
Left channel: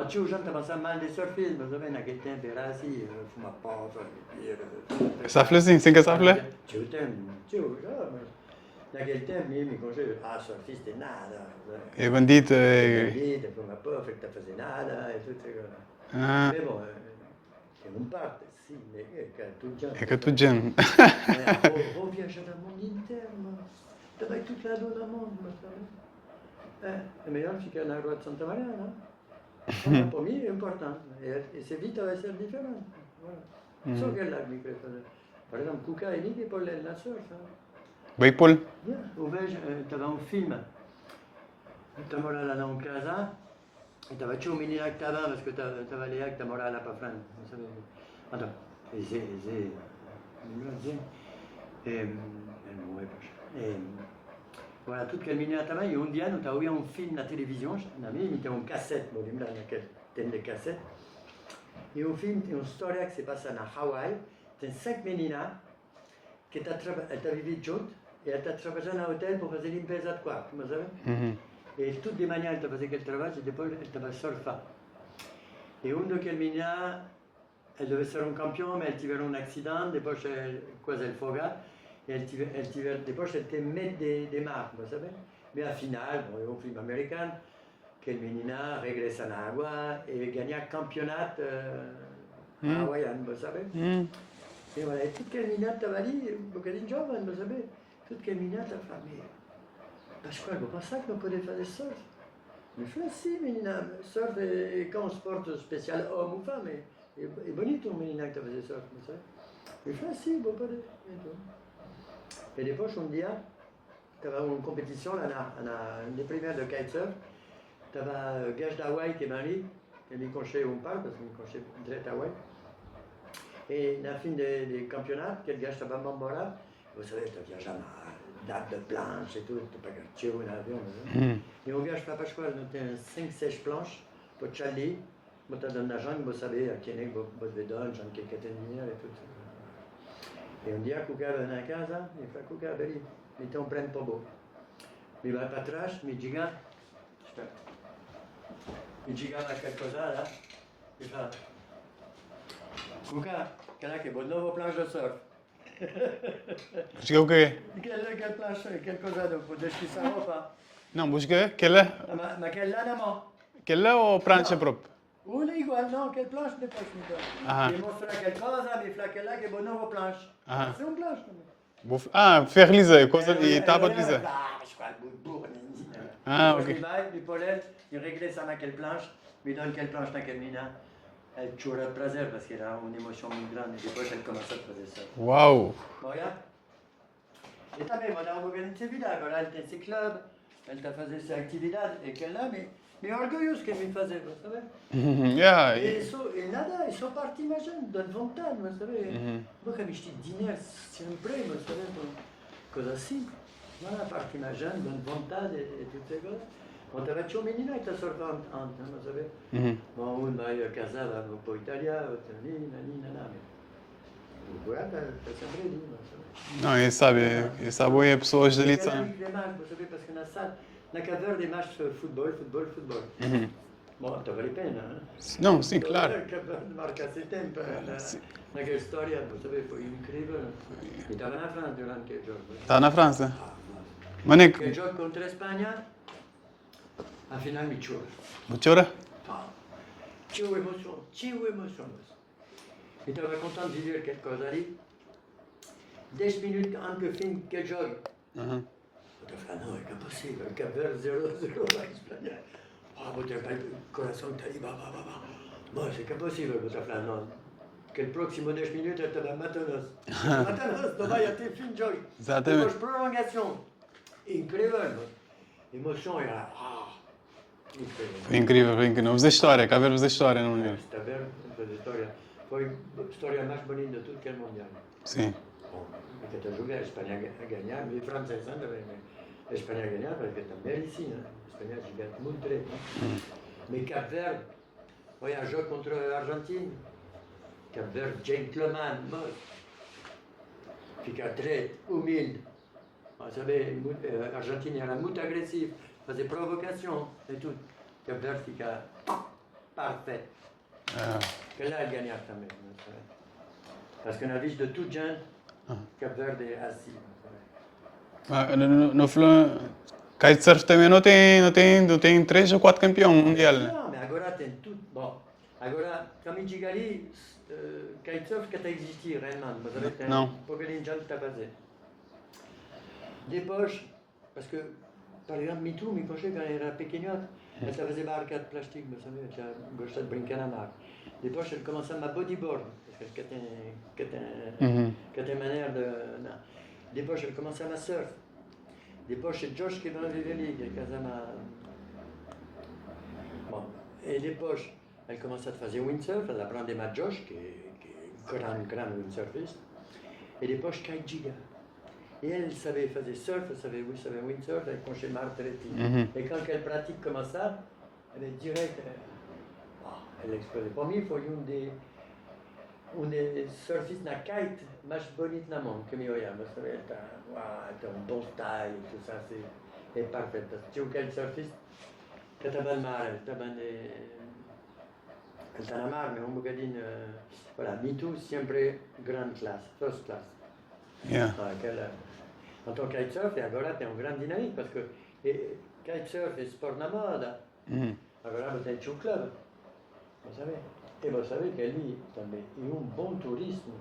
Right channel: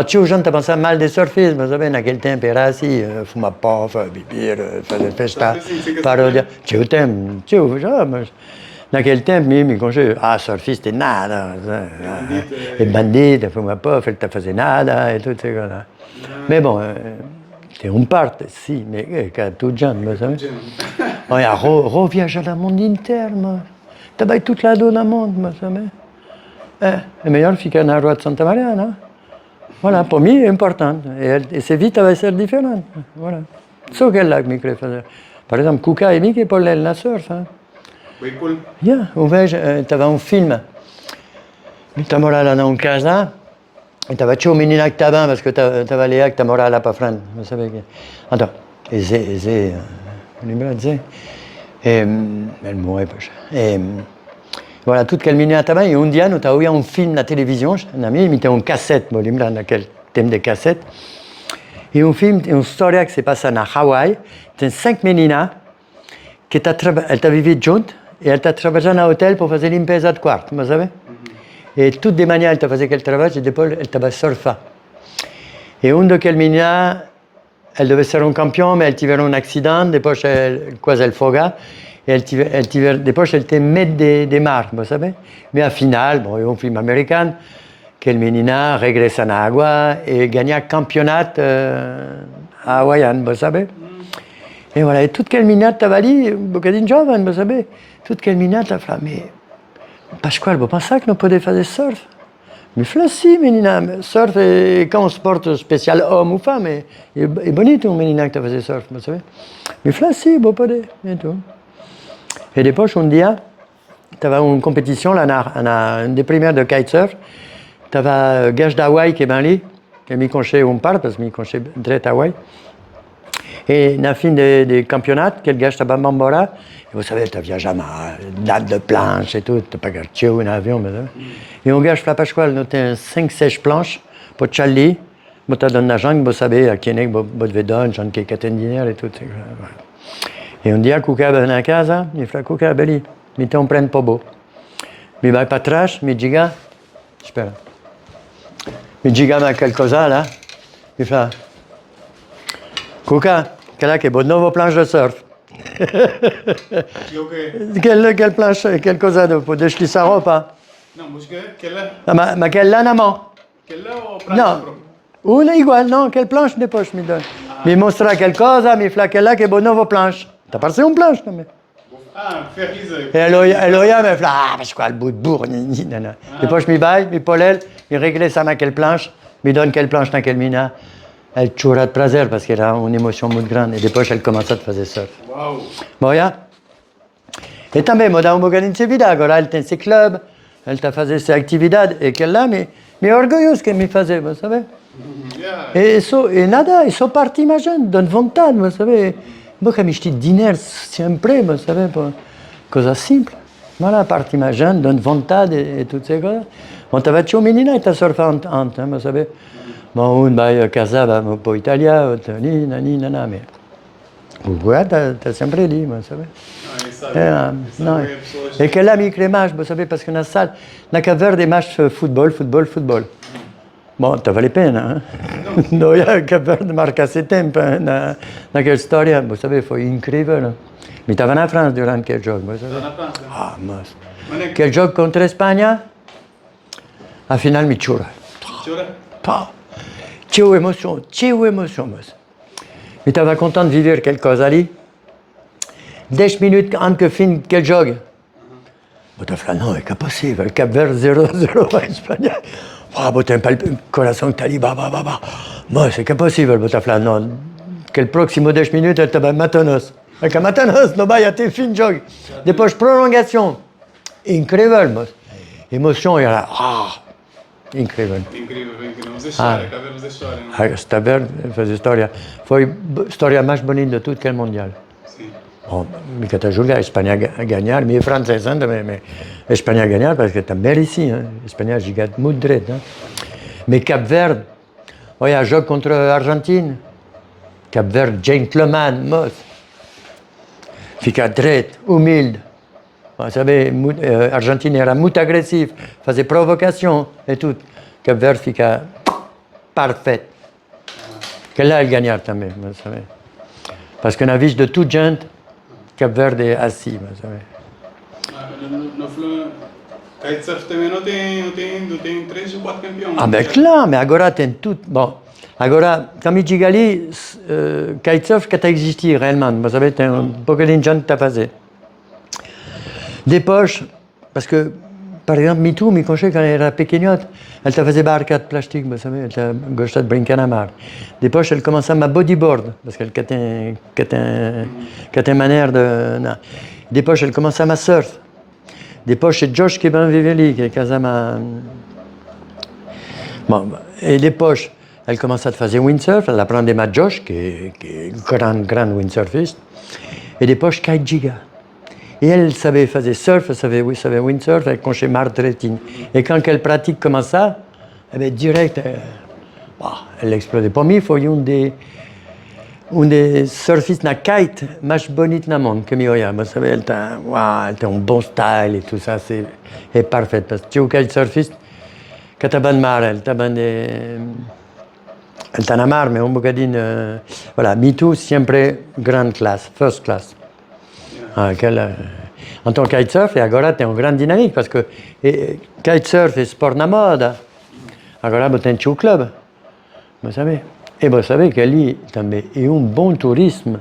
Tinha gente a pensar mal de surfismo, mas sabe, naquele tempo era assim, fumar pó, beber, fazer festa. Tinha o tempo, já, mas naquele tempo, me conheci, surfista é nada. É bandido, fumar pó, ele está fazendo nada, e tudo isso. Mas bom, tem parte, sim, mas é tudo gente. Olha, viajar no mundo inteiro, também todo lado do mundo, mas sabe. É melhor ficar na rua de Santa Maria, não? Voilà, para mim é importante. E essa vida vai ser diferente. Voilà. Só que é lá que me queria fazer. Por exemplo, Cuca e Mickey Paul na surf. Vai, Paul? Eu vejo, estava um filme. Eu estava lá numa casa. E estava tinha um menino que estava, porque estava ali que estava lá para frente. Não sabia que. Então, Zé, lembra de Zé? Ele morreu, pois. Voilà, tout aquele menino também. E dia, nós estávamos um filme na televisão, na minha, me tem um cassete, me lembro naquele tempo de cassete. E um filme, uma história que se passa na Hawaii. Tem 5 meninas que ela está vivendo junto e ela está trabalhando no hotel para fazer limpeza de quarto, mas sabe? E tudo de manhã ela está fazendo aquele trabalho e depois ela está a surfar. E daqueles meninas, elle devait ser un campion, mais elle tivait un accident, después quasi elle foga, et después elle te met des marques, vous savez. Mais à final, bon, il y a un film américain, que le menina regressa en agua et gagna campionat hawaïen, vous savez. Et voilà, et toute quelle minute t'avais dit, bocadin jovem, vous savez, toute quelle minute t'as fait, mais Pasquale, vous pensez que nous pouvons faire surf? Mais si, menina, surf est comme un sport spécial homme ou femme, est bonito un menina que faisait surf, vous savez. Mais si, vous pouvez, et tout. Et después, un dia, tu avais une compétition, là, une des premières de kitesurf, tu avais Gage d'Hawaï qui est ben là, qui m'y conchait un part, parce que m'y conchait direct à Hawaï. Et à la fin des campeonatos, quel gage t'avais Bambora, et vous savez, tu n'avais jamais date de planche et tout, tu n'as pas gagné un avion, mais et un gage, Pasquale, nous avons 5-6 planches pour Charlie, moi, tu donné la jungle, vous savez, à Kienek, vous devez donner, j'en ai quelques dîner et tout. Et on dit à Kuka, ben à casa, il fait Kuka, belli, mais tu en prends pas beau. Mais va pas trash, mais giga, j'espère. Mais giga, ma qualcosa, là, il fait Kuka, quelle est bonne nouvelle planche de surf? Quelle planche, quelle cosa dopo? Deixi sa roba? Non, musica, quelle è? Ma quelle là, non? Quelle o pranzo proprio? Una igual, non, quelle planche depois mi donne? Mi mostra qualcosa, mi fa quelle là che bonne nouvelle planche. T'as passé une planche, non? Ah, Ferlisa. E Eloia mi fa, ma quoi, le bout de bourre, Depois mi vai, mi polel, mi regle sa ma quelle planche, mi donne quelle planche dans quelle mina. Elle chora de plaisir parce qu'elle a une émotion muito grande. Et depois elle commence à faire surf. Wow. Bon, ja. Et também, moi, dans un bocadinho de vida, agora elle tem ses clubs, elle t'a fait ses actividades, et qu'elle là, mais orgulhoso que me faisait, vous savez. Yeah. Et nada, e sou parti, imagine, donne vontade, vous savez. Moi, comme je dis, dîner, sempre, vous savez, pour cosa simple. Voilà, parti, imagine, donne vontade et toutes ces choses. On t'avait dit, menina, et t'as surfé en vous savez. Bon, un va casa, va un po' Italia, nana, mais. Ouais, t'as sempre dit, vous savez. Non, il savait, pessoas. Et quelle ami crémage, vous savez, parce que dans la salle, na Cap Verde, des matchs football. Bon, t'avais les peines, hein? Non, sì. No, Cap Verde marca ses temps, dans quelle histoire, vous savez, c'est incroyable. Mais t'avais en France durant quel jour, vous savez? En France? Ah, mas. Quel jour contre l'Espagne? À final, mi chora. Chora? Pas. Tchou émotion, mas. Mais t'avais content de vivre quelque chose, Ali? 10 minutes avant que fin quel jog? Bon, t'as fait, non, c'est pas possible. Le Cap Vert 0-0 à l'Espagne. Ah, bon, t'as pas le corazon que t'as dit, bah. Moi, c'est pas possible. Bon, t'as fait, non. Quel proximo 10 minutes, elle t'avait matanos. Avec matanos, no, bah, y a tes fin jog. Depois, prolongation. Incroyable, mas. Émotion, il y a là, incrível. Incrível. Vamos da história, cá vemos a história. Não? Está verde, faz história. Foi a história mais bonita de todo aquele Mundial. Sim. Bon, mais quand tu joues a Espanha a ganhar, mais français, mais Espanha a ganhar parce que também ici, hein. Espanha a gigat muito direito, hein. Mais Cap Verde, olha, jogo contra a Argentine. Cap Verde, gentleman, moço. Fica direito, humilde. Vous savez, Argentine era muito agressive, faisait provocation et tout. Cap Verde fica parfait. Que là, elle gagnait também, vous savez. Parce que na vista de toute gente, Cap Verde é assis, vous savez. No Flan, kitesurf também não tem 3 ou 4 campeões. Ah, ben claro, mais agora tem tudo. Bon, agora, comme je dis ali, kitesurf que existi réellement, vous savez, tem un bocadinho de gente que fazer. Depois, parce que, par exemple, me conchait quand elle era pequenote, elle te faisait barca de plastique, vous savez, elle te gostait de brincar à mar. Depois, elle commençait à bodyboard, parce qu'elle avait une manière de... Non. Depois, elle commençait à surf. Depois, c'est Josh qui est venu, qui est casé ma... Bon, et depois, elle commençait à faire windsurf, elle apprenait ma Josh, qui est grand windsurfiste. Et depois, Kite Giga. Et elle savait faire surf, elle savait windsurf, elle conchait martretine. Et quand elle pratique comme ça, elle est direct, elle explosait. Pour moi, il faut un des surfistes na kite más bonito na monde que mi oya. Vous savez, elle a un bon style et tout ça, c'est parfait. Parce que tu es quel surfiste, quand tu as bon mar, elle T'en as marre, mais un bocadinho. Voilà, Me Too, sempre grande classe, first class. Yeah. En tant que kitesurf, e agora tem uma grande dinâmica, parce que kitesurf é sport na moda. Agora tem o club, vous savez. E vous savez que ali também é bom turismo.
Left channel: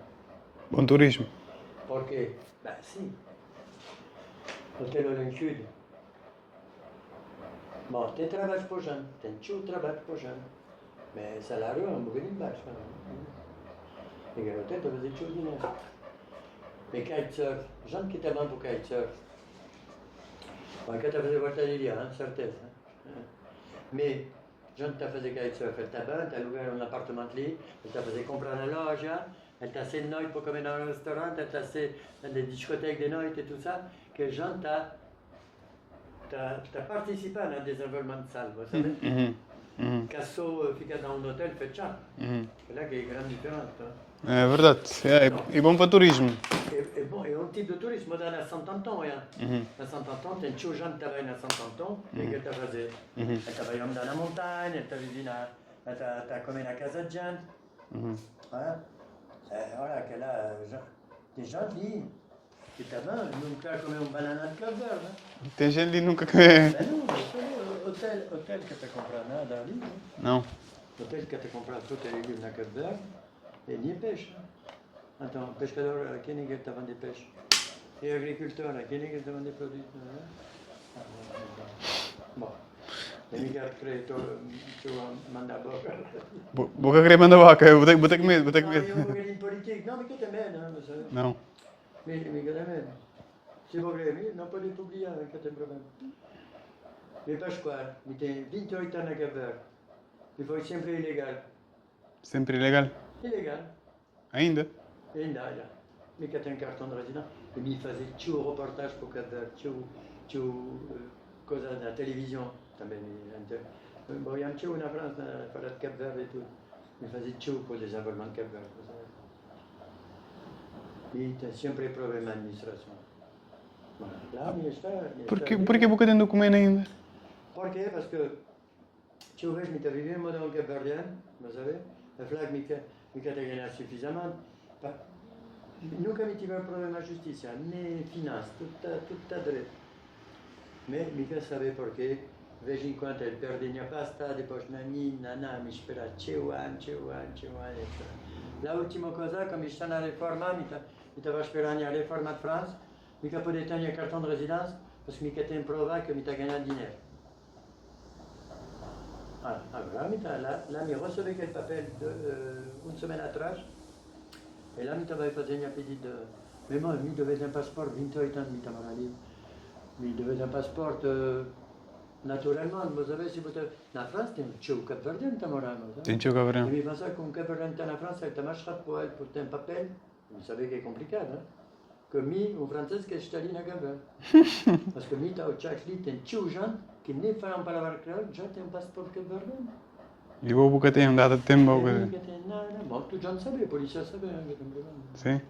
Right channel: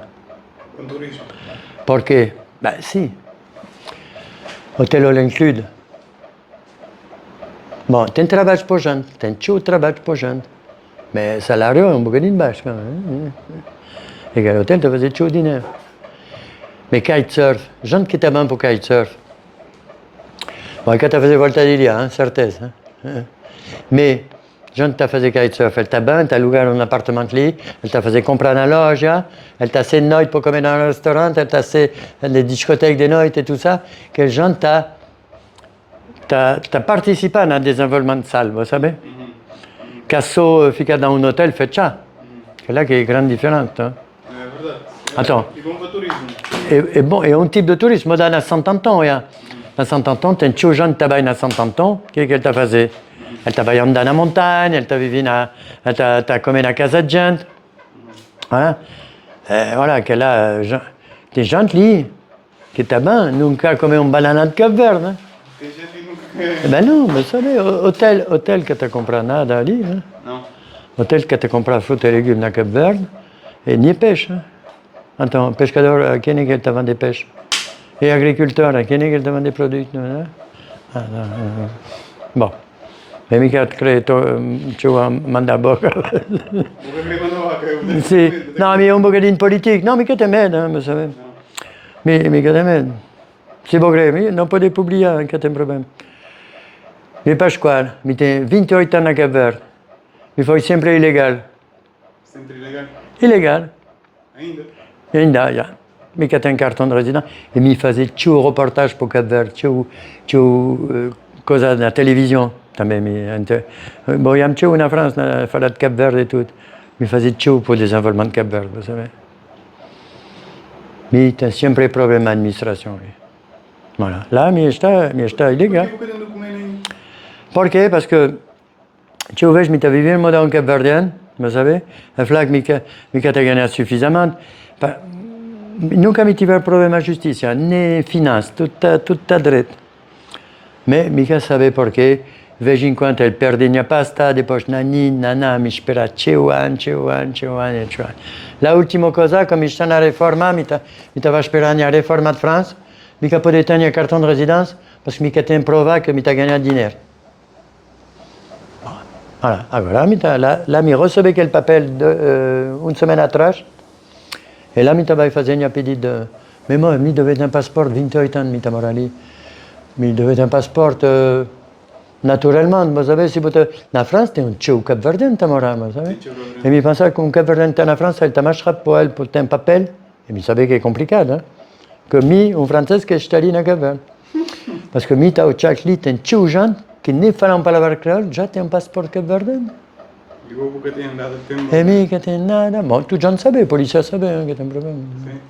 Bom turismo. Porque, beh sì, hotel all include. Bom, tem trabalho para gente, tem muito trabalho para gente. Mas o salário é bocadinho baixo, quand même. E que l'hotel te faisait muito dinheiro. Mais kitesurf, gente que está bem para o kitesurf. Bom, que te fazer volta de dia, certeza. Mas gente que está a fazer kitesurf, ele está bem, está a alugar apartamento ali, ele está a fazer comprar na loja, ele está a ser de noite para comer dans restaurant, ele está a ser nas discotecas de noite e tudo isso, que gente está participando no desenvolvimento de salle, vous savez? Que só fica dans um hotel fechado. É lá que é a grande diferença. É verdade. É bom para turismo. É bom, é tipo de turismo. Moi, na Saint-Anton, na Saint-Anton, tem muito gente que trabalha na Saint-Anton. O que ele está a fazer? Ele está trabalhando na montanha, ele está vivendo, ele está a comer na casa de gente. Voilà, que lá, tem gente ali que está bem, nunca comeu banana de Cabo Verde. Tem gente que nunca... Ben não, mas sabe, hotel que está a comprar nada ali. Não. Hotel que está a comprar fruta e legumes na Cabo Verde. E nem peixe. Então, pescador, quem é que está a vender peixe? E agricultor, quem é que está a vender produtos? Bom, mas me quero crer, estou a mandar boca. Boca querer mandar boca, eu tenho que ter medo. Não, mas é bocadinho político. Não, me quero ter medo, mas sabe? Não. Me quero ter medo. Se vou crer, não pode publicar, não tem problema. Me Pascoal, me tem 28 anos na Cabo Verde. Me foi sempre ilegal. Sempre ilegal? Ilegal. Ainda? Ainda, já. Me que tem cartão de residência e me fazer tio reportagem para o Cabo Verde, tio coisa na televisão também. Bom, eu tio na França, falar de Cabo Verde e tudo. Me fazer tio para o desenvolvimento de Cabo Verde, vous savez. Me tem sempre problema de administração. Voilà. Lá, me está ilegal. Por que você tem documento ainda? Por quê? Parce que eu vejo que me vivendo no modelo Cabo Verdeano. Vous savez, a flag me quer ganhar suffisamment. Nunca me tiver problema de justiça, nem finanças, tudo está direito. Mas me quer saber porquê. Vejo enquanto ele perde a pasta, depois nani, me espera teu ano. La última coisa, como está na reforma, me estava esperando a reforma de França, me quer poder ter cartão de residência, porque me quer ter provar que me está ganhando dinheiro. Voilà. Agora, lá me recebi aquele papel uma semana atrás, e lá me estava fazendo um pedido de... Mas moi, me devia ter um passaporte, 28 anos, me estava ali. Me devia ter um passaporte, naturalmente, vous savez, se você... Na França tem tio cabo-verdiano que está morando, vous savez? E me pensava que cabo-verdiano está na França, ele está mais rápido para ele, por ter um papel, e me sabia que é complicado, hein? Que francês que está ali na Cabo-Verde. Parce que está o Tchakli, tem tio gente, que nem falam palavra creole, já tem um passaporte cabo-verdiano. E o que tem dado tempo? E mim que tem nada. Bom, tu já não sabe, a polícia sabe que tem problema. Sim.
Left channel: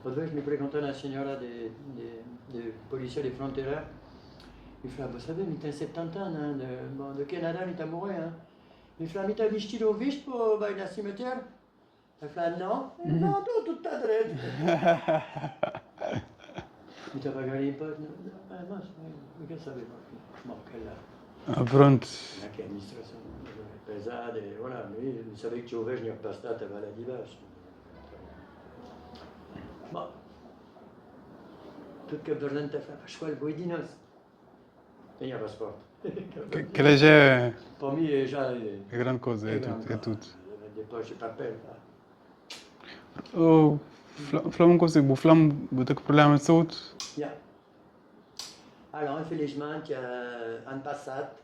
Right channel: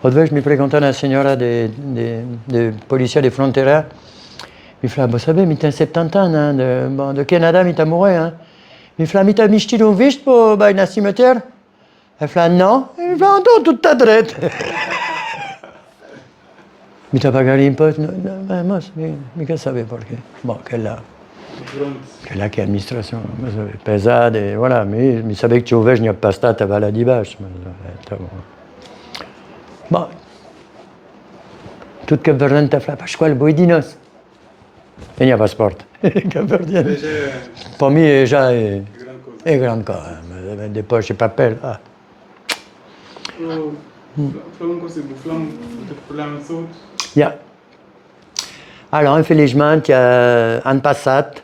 Outra vez me perguntou a senhora de polícia de fronteira, me falou, vous savez, me tem 70 anos, do Canadá, me está morrendo. Me falou, me está vestido visto para ir na cemitério? Elle falou, não. Ele falou, então, tudo está direito. Me está pagando imposto? Não, mas me quer saber porquê. Bom, que lá. Pronto. Que lá que a administração pesada, e voilà, me sabia que eu vejo minha pasta estava lá de baixo. Tá bom. Bom, tudo Cabo Verde está falando, Pascoal, boidinos. Tenho passaporte. Cabo Verde. Para mim já é grande coisa. É grande coisa, mas depois é papel. Flamengo consigo, o Flamengo tem problema de saúde? Yeah. Alors, infelizmente, ano passado,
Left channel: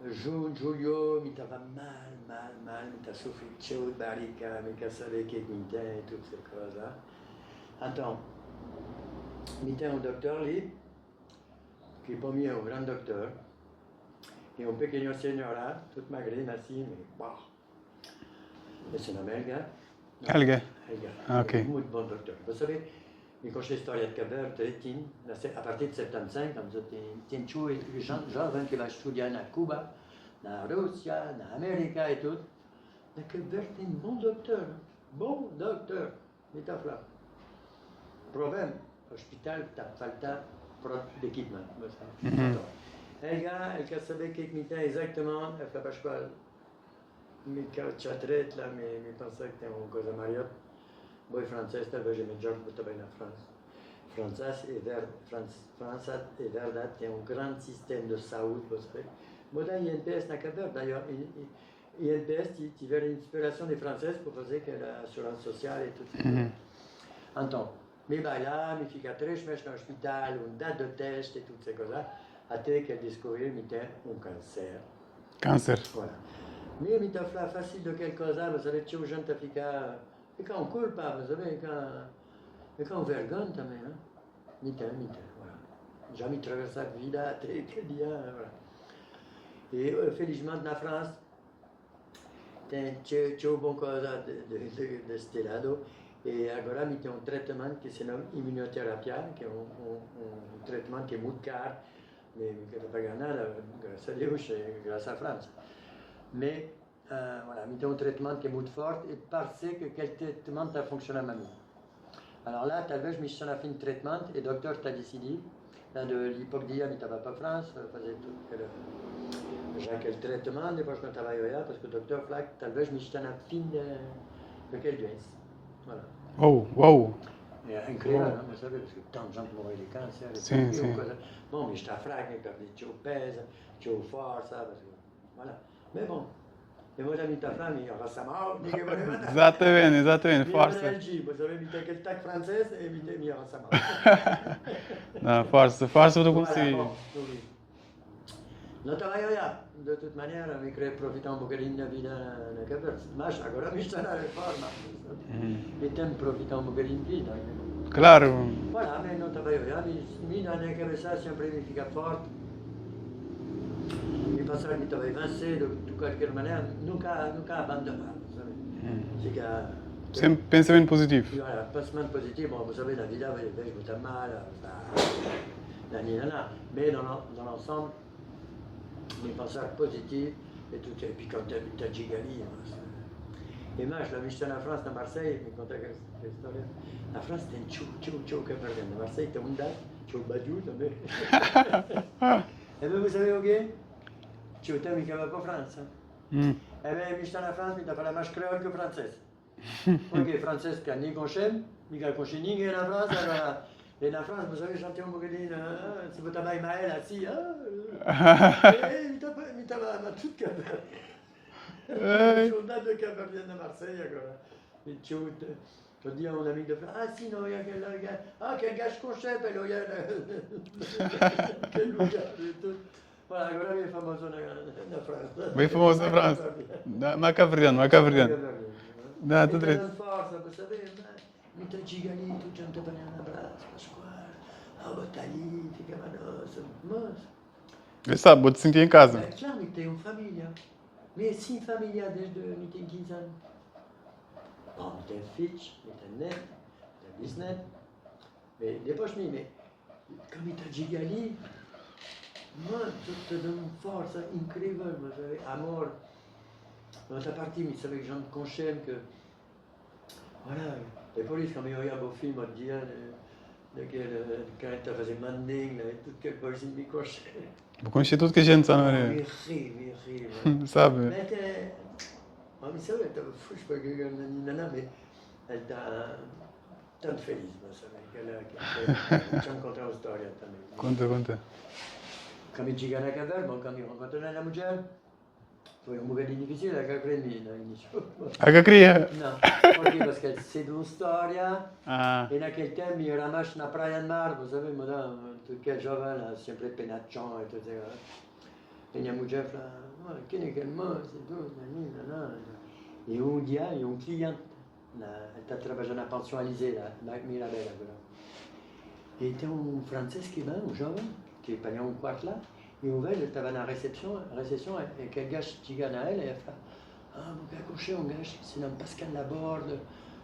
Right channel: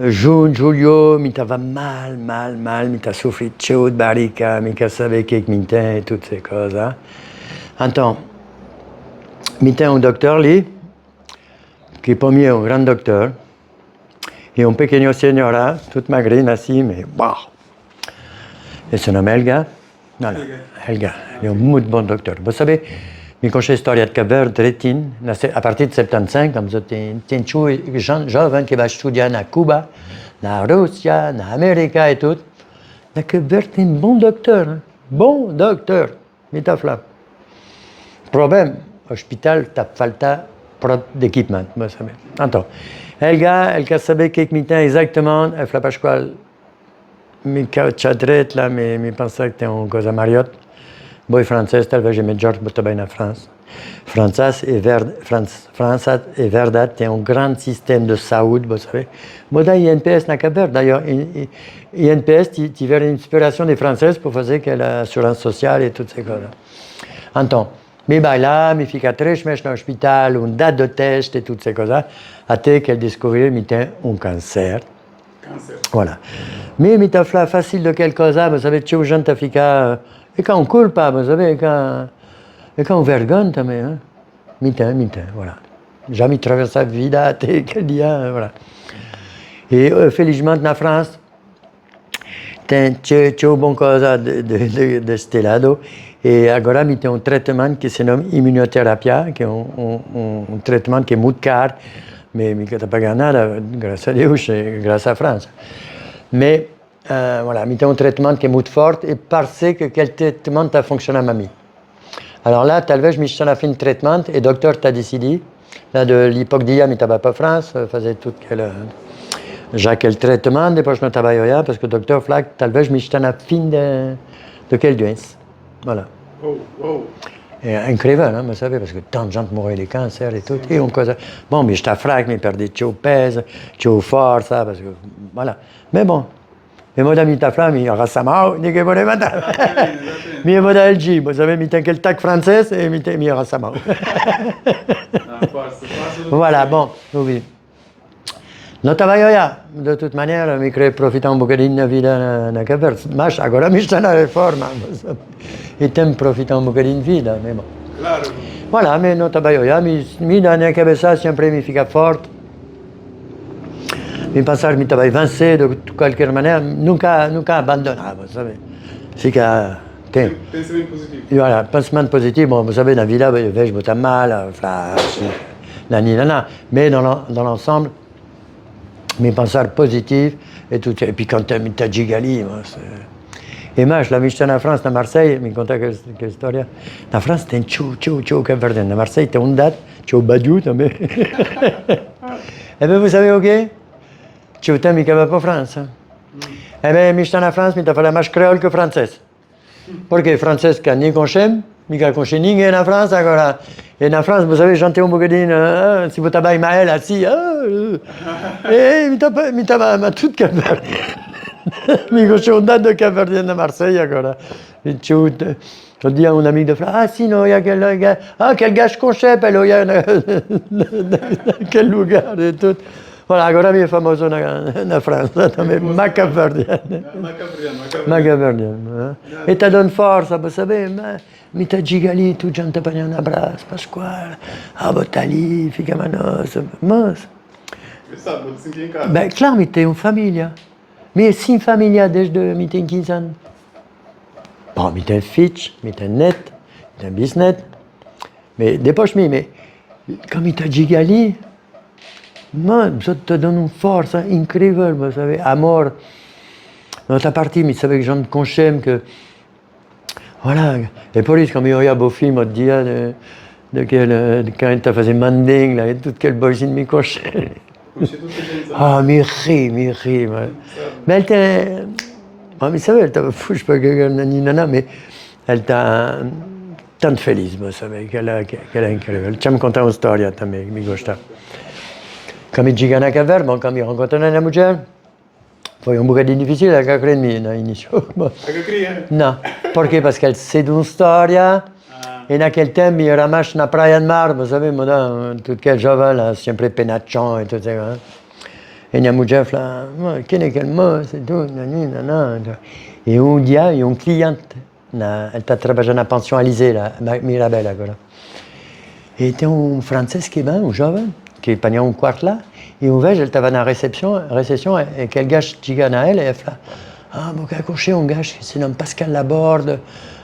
junho, julho, me estava mal, me estava sofrendo de barriga, me quer saber o que me tem, todas essas coisas. Então, me tem doutor ali, que para mim é grande doutor, e pequeno senhora, toute magrine assim, mas uau! E se chama Helga. Helga, okay. É muito bom doutor. Vous savez, me conhece a história de Cabo Verde, direitinho, a partir de 75, tem jovem que vai estudar na Cuba, na Rússia, na América e tudo. La Cap-Vert est un bon docteur. Hein. Bon docteur. Mitafla. Problème, hospital, t'as falta prod d'équipement. Attends. Elle savait que mitin exactement, elle fait pas quoi. Mi cadret là, mi pensais que t'es en cause à Marriott. Boy français, talvez je me George Botabay en France. France et Verdad, c'est un grand système de saúde, vous savez. Moi, dans INPS, n'a qu'à faire. D'ailleurs, INPS, tu verras une inspiration des Françaises pour faire que l'assurance sociale et toutes ces choses. Attends, mais là, mi fica très mèches dans l'hôpital, une date de test et toutes ces choses-là, à tel qu'elle découvrit un cancer. Cancer. Voilà. Mais mi t'as facile de quelque chose, vous savez, tu es jeune, t'as fica, et quand on coule pas, vous savez, et quand on vergonne, hein. Mi-temps, voilà. Jamais traversé la vie, quel dia, voilà. Et felizmente na France, c'è un bon cosa de este lado, et agora mi tem un traitement qui se nomme immunothérapie, qui est un traitement qui est muito caro, mais mi t'as pas nada, grâce à Dieu, grâce à France. Mais voilà, mi tem un traitement qui est muito fort, et parce que quel traitement a fonctionné à mamie. Alors là, talvez je me suis fait un traitement et le docteur t'a décidé, là de l'hypoxia, mais t'avais pas France, faisait tout quel traitement, depuis je ne travaillais pas parce que le docteur Flack, talvez je me suis fait fin de quel doença. Voilà. Oh, wow. Et incroyable, hein, vous savez, parce que tant de gens mouraient des cancers et tout. Et on cause... Bon, mais j'étais Flack, mais perdais trop pèse, trop force, ça, parce que voilà. Mais bon. E mo da mi tafla mi rassamau, di che voleva andare. Esattamente. Mi mo da il G, vous savez, mi anche il tac francese e mi rassamau. No, forse Voilà, bon, oui. No travaglio de toute manière, mi crei profita un bocadinho da vida na Cap Verde. Mas agora mi sta na reforma. E tem profita un bocadinho de vida, mais bon. Claro. Voilà, mais no travaglio mi da na cabeça sempre mi fica forte. Mi pensar mi travail vencer de quelque manière, nunca abandonner, vous savez. C'est que... Pensamento positivo. Voilà, pensement positif, bon, vous savez, dans la vie, là, je me mal, nanana, mais dans l'ensemble, mes penseurs positifs et tout. Et puis quand tu as Gigali, et moi, je l'ai en France, à Marseille, mi conta quelle histoire. En France, c'était un ciao, Cap-Verdien. À Marseille, c'était une date, ciao Badiou, mais... Eh bien, vous savez, ok? Ci uite mica va per Francia. Eh bien, mi sta en France, mi t'as fait la marche créole que française. Parce que française, quand ni conchem, mica conchem ni en France, alors. Et en France, vous savez, j'entends un bocadine, si vous t'avez Maël assis, et mi t'as ma toute Cap-Verdien. Mi conchem une date de Cap-Verdien à Marseille, alors. Et ci uite. Je dis à un ami de France, ah si, non, il y a quel gars, quel gars je conchem, il y a quel lugar et tout. Voilà, agora mi è famoso na Francia, ma Cap-Verdiano. Ma Capriano. Ma Cap-Verdiano. E ti donne forza, vous savez, mi ta gigali, tu già ti prendi un abbraccio, Pasquale, Botali, fica manos, mas. E sabe, vou te sentir em casa. Ben, claro, mi te una famiglia. Mi sin famiglia desde mi te 15 anni. Bon, mi te un fitch, mi te un net, mi te un bisnet. Mais depois mais quand mi ta gigali, moi, ça te donne une force incroyable, vous savez, amour. Dans ta partie, mais vous savez que j'en conchem que... Voilà. Et pour lui, quand il y a un beau film, on te dit, quand tu faisais Manding, là, et tout quel boyzine mi conchem. Vous connaissez toutes les gens, ça. Ah, mi ri. Mais elle était... Mais vous savez, elle t'a fou, je sais pas que nana, mais elle t'a... Tant de felice, vous savez, qu'elle est incroyable. Tu me contes une histoire, mi gosta. Quand je suis à Cap-Vert, quand je rencontre une mujer, foi un bocadinho difficile a credere all'inizio. A Cacria? No, perché? Perché c'est une storia, e in quel tempo io ero rimasto na praia del mar, vous savez, tutti quel giovane, sempre penaccion e tutto ça. E mia mujer fa, che ne quel mot, c'est tout, nanana. E un dia, un cliente, elle sta lavorando a pension Alizé, là, a Mirabel, agora. E c'è un francese che va, un giovane, qui est un quart là, et on va, elle estava dans la réception, et quel gars qui à elle, et elle fait, ah, mon gars, couché, un gars qui se nomme Pascal Laborde,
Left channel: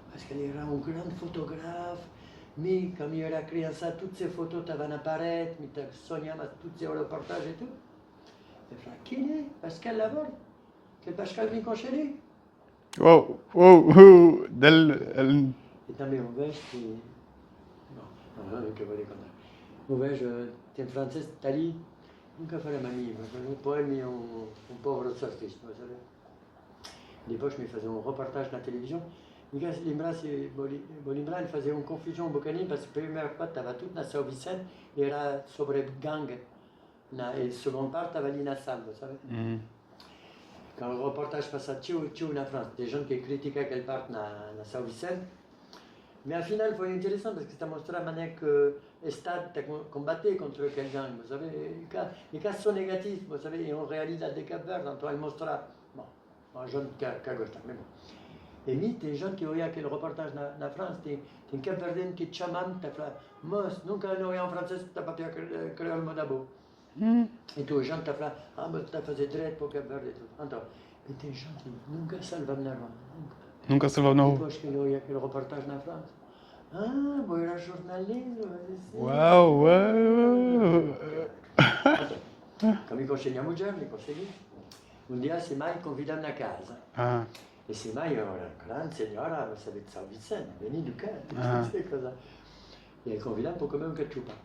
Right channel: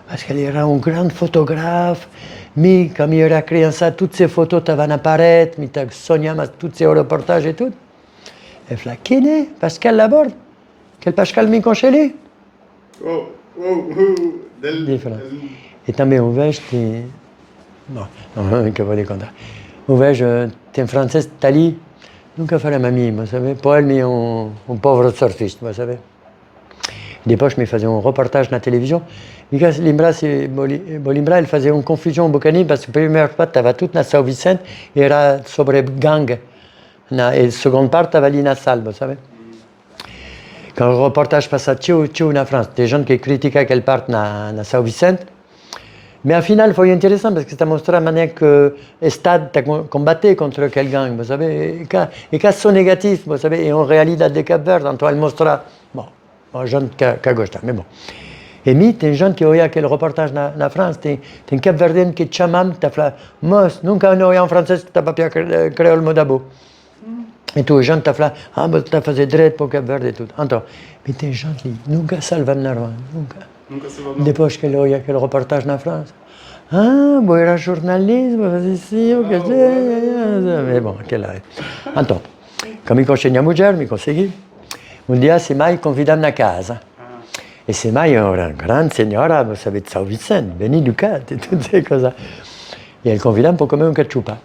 parce qu'elle era un grand photographe, mais comme il a créé ça, toutes ces photos t'avaient apparaître, mais t'as soigné tous ces reportages et tout. Elle fait, qui est Pascal Laborde? Quel Pascal mi conchelé? Wow, wow, wow. Different. E também o vejo, Bom, non che voglio contare. O vejo, tem francês, tá ali, nunca farei mamie, vous savez. Pour elle, un pauvre surfiste, vous savez. Depois me fazia um reportage na televisão. E lembrar, ele fazia uma confusão um bocadinho, parce que a primeira parte estava tudo na São Vicente e era sobre gangue. E a segunda parte estava ali na salle, vous savez. Quand o reportage passa tchau na França, des gens qui critiquaient aquela parte na São Vicente. Mais au final, foi interessant parce que ça montrait la manière que l'État combattait contre quel gang, vous savez. Et quand c'est négatif, vous savez, et en réalité de Cap-Vert, então elle mostra, bon, un jeune qui gosta, mais bon. Et mi, tem gente que olha aquele reportage na França, tem Cap-Verdien que te chamam, que fala, mas nunca olhei em francês que estava para criar o modabo. E tu, gente, te fala, mas tu fazer direito para o Cap-Verde e tudo. Então, mas tem gente que nunca salva na rua, nunca. Nunca se va. Depois que ele olha aquele reportage na França, bom, era jornalismo, fazer assim, o que seja. Mais bon, aquele aí. Então, como eu consegui a mulher, me consegui. Um dia, se mai convidam na casa. E se mai era uma grande senhora, vous savez, de São Vicente, veni do Cat e tudo essas coisas. E ele convidam para comer cachupa.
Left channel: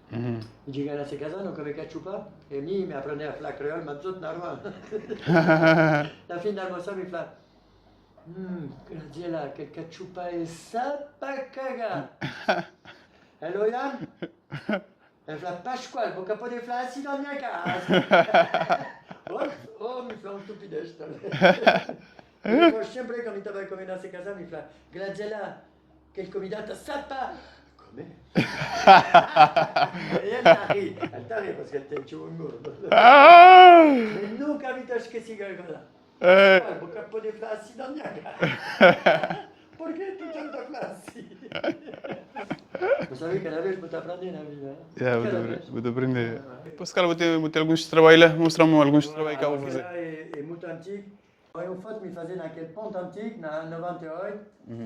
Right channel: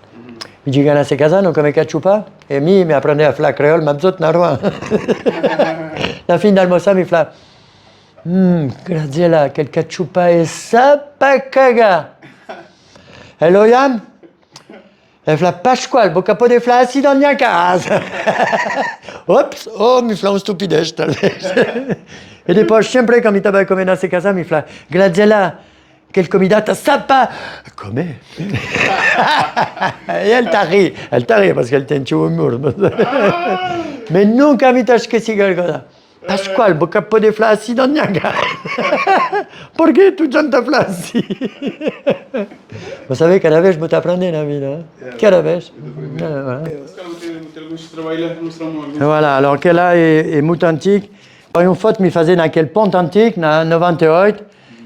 Me chega nessa casa, não come cachupa, e me aprende a falar creole, mas outro na rua. Na fim da almoçar, me fala, Graziella, quel cachupa è sapacaga. Hello, Yann? Elle fala, Pasquale, vou capot de fla assis dans la casa. Oups, mi fla un stupidez, talvez. E depois, sempre, quand mi estava comendo nessa casa, mi fala, Graziella, quel comidata sapa. Come? E elle t'a ri, parce qu'elle tem un humour. Mais nunca mi t'as esqueci quelque chose. Pasquale, vou capot de fla assis dans la casa. Por que tu janta fla assis? Vous savez, cada vez vou te aprender na vida. Cada vez. Vou te aprender. Os caras vão ter alguns trabalhos, mostrar-me alguns. Voilà, alors que là est muito antigo. Une fois, me faisait dans quel pont antique, na 98.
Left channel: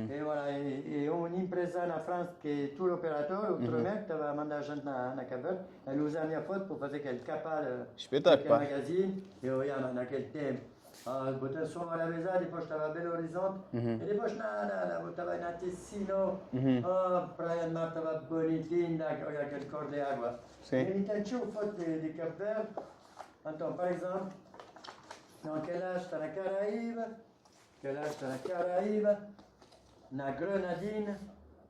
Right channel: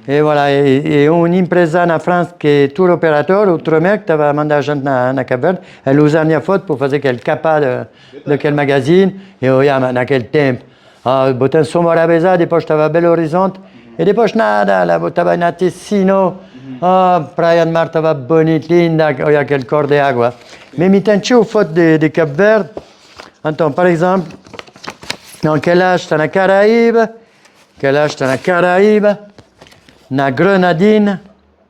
Et voilà, et une empresa na France que est tour opérateur, Outremer, que t'avais mandé gente na Cap-Verde, elle usait une photo pour faire quel capa de quel magazine, et olha, naquele tempo. Botem somos rabeza, depois estava Belo Horizonte, e depois nada, lá estava na Ticino, praia de mar estava bonita, linda, olha aquele cor de água. Mais me tentou foto de Cap-Verde, então, par exemple, quel âge está na Caraíba, quel âge está na Caraíba, na Grenadine,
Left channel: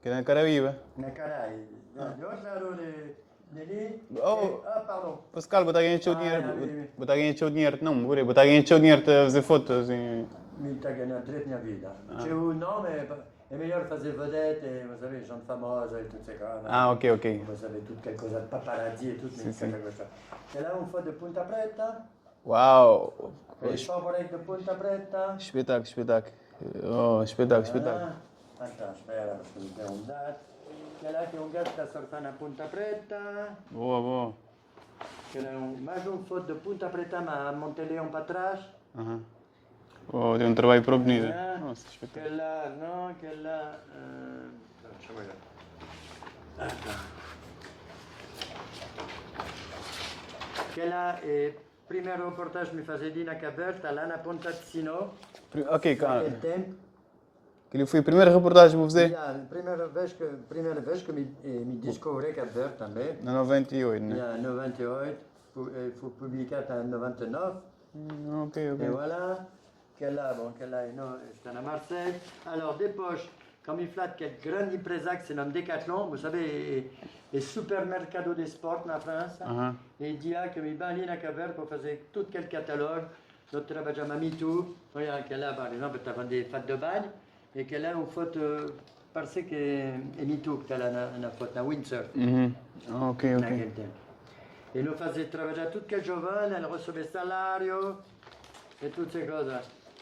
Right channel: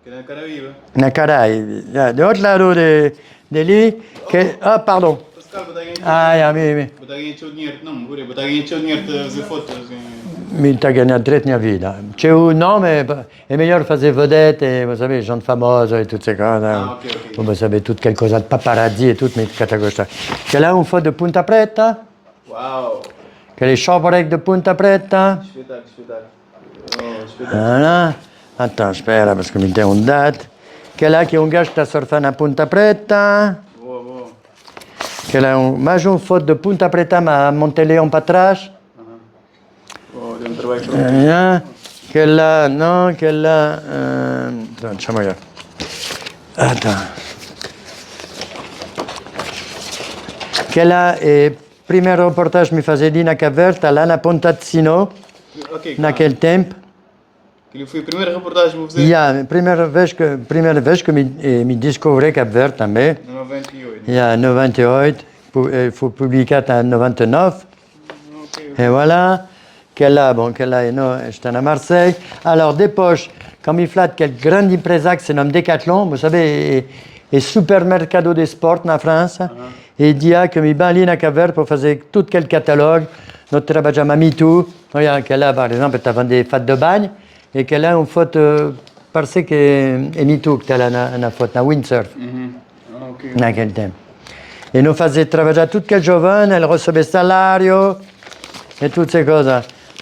Na Caraíba. na Caraíba, de outro lado de ali, que, pardon. Os caras botar ganhar Botar ganhar dinheiro, não, botar ganhar dinheiro para fazer fotos. Me está ganhando direito na vida. Tchau, não, mas é melhor fazer vedette, vous savez, gente famosa e tudo isso. Ok. Vous savez, tudo aquela coisa de paparazzi e tudo, mas que tu gosta. Que lá foto de Punta Preta, Uau! aquele shopwreck de Punta Preta. Espetáculo. Voilà. Attends, espera, parce que me tem date. Que lá que gajo está surfando na Punta Preta. Boa. Que lá mais uma foto de Punta Preta, mas Monteleão para trás. Tem um trabalho pronto. Que lá, não, que lá... Deixa-me olhar. Attends. Que lá é primeiro reportagem que me fazia ali na Cap-Verde, lá na Ponta de Sino, naquele tempo. Ele foi a primeira reportagem que vou fazer? A primeira vez que me descobri Cap-Verde também. Em 98. Em 98, foi publicado em 99. Et voilà, qu'elle est à Marseille. Alors, depois, quand il flatte quelle grande empresa qui se nomme Decathlon, vous savez, est supermercado de sport en France, et il dit que mi ben ali na Cap-Verde pour faire tout quel catalogue. Notre travail à MeToo, qu'elle a par exemple, tu as vendu des fêtes de bagne, et qu'elle a une photo parce que est MeToo, que tu as une photo, na windsurf, dans quel temps. Et nous faisions travailler tout quel jovane, elle recevait salario, et toutes ces choses.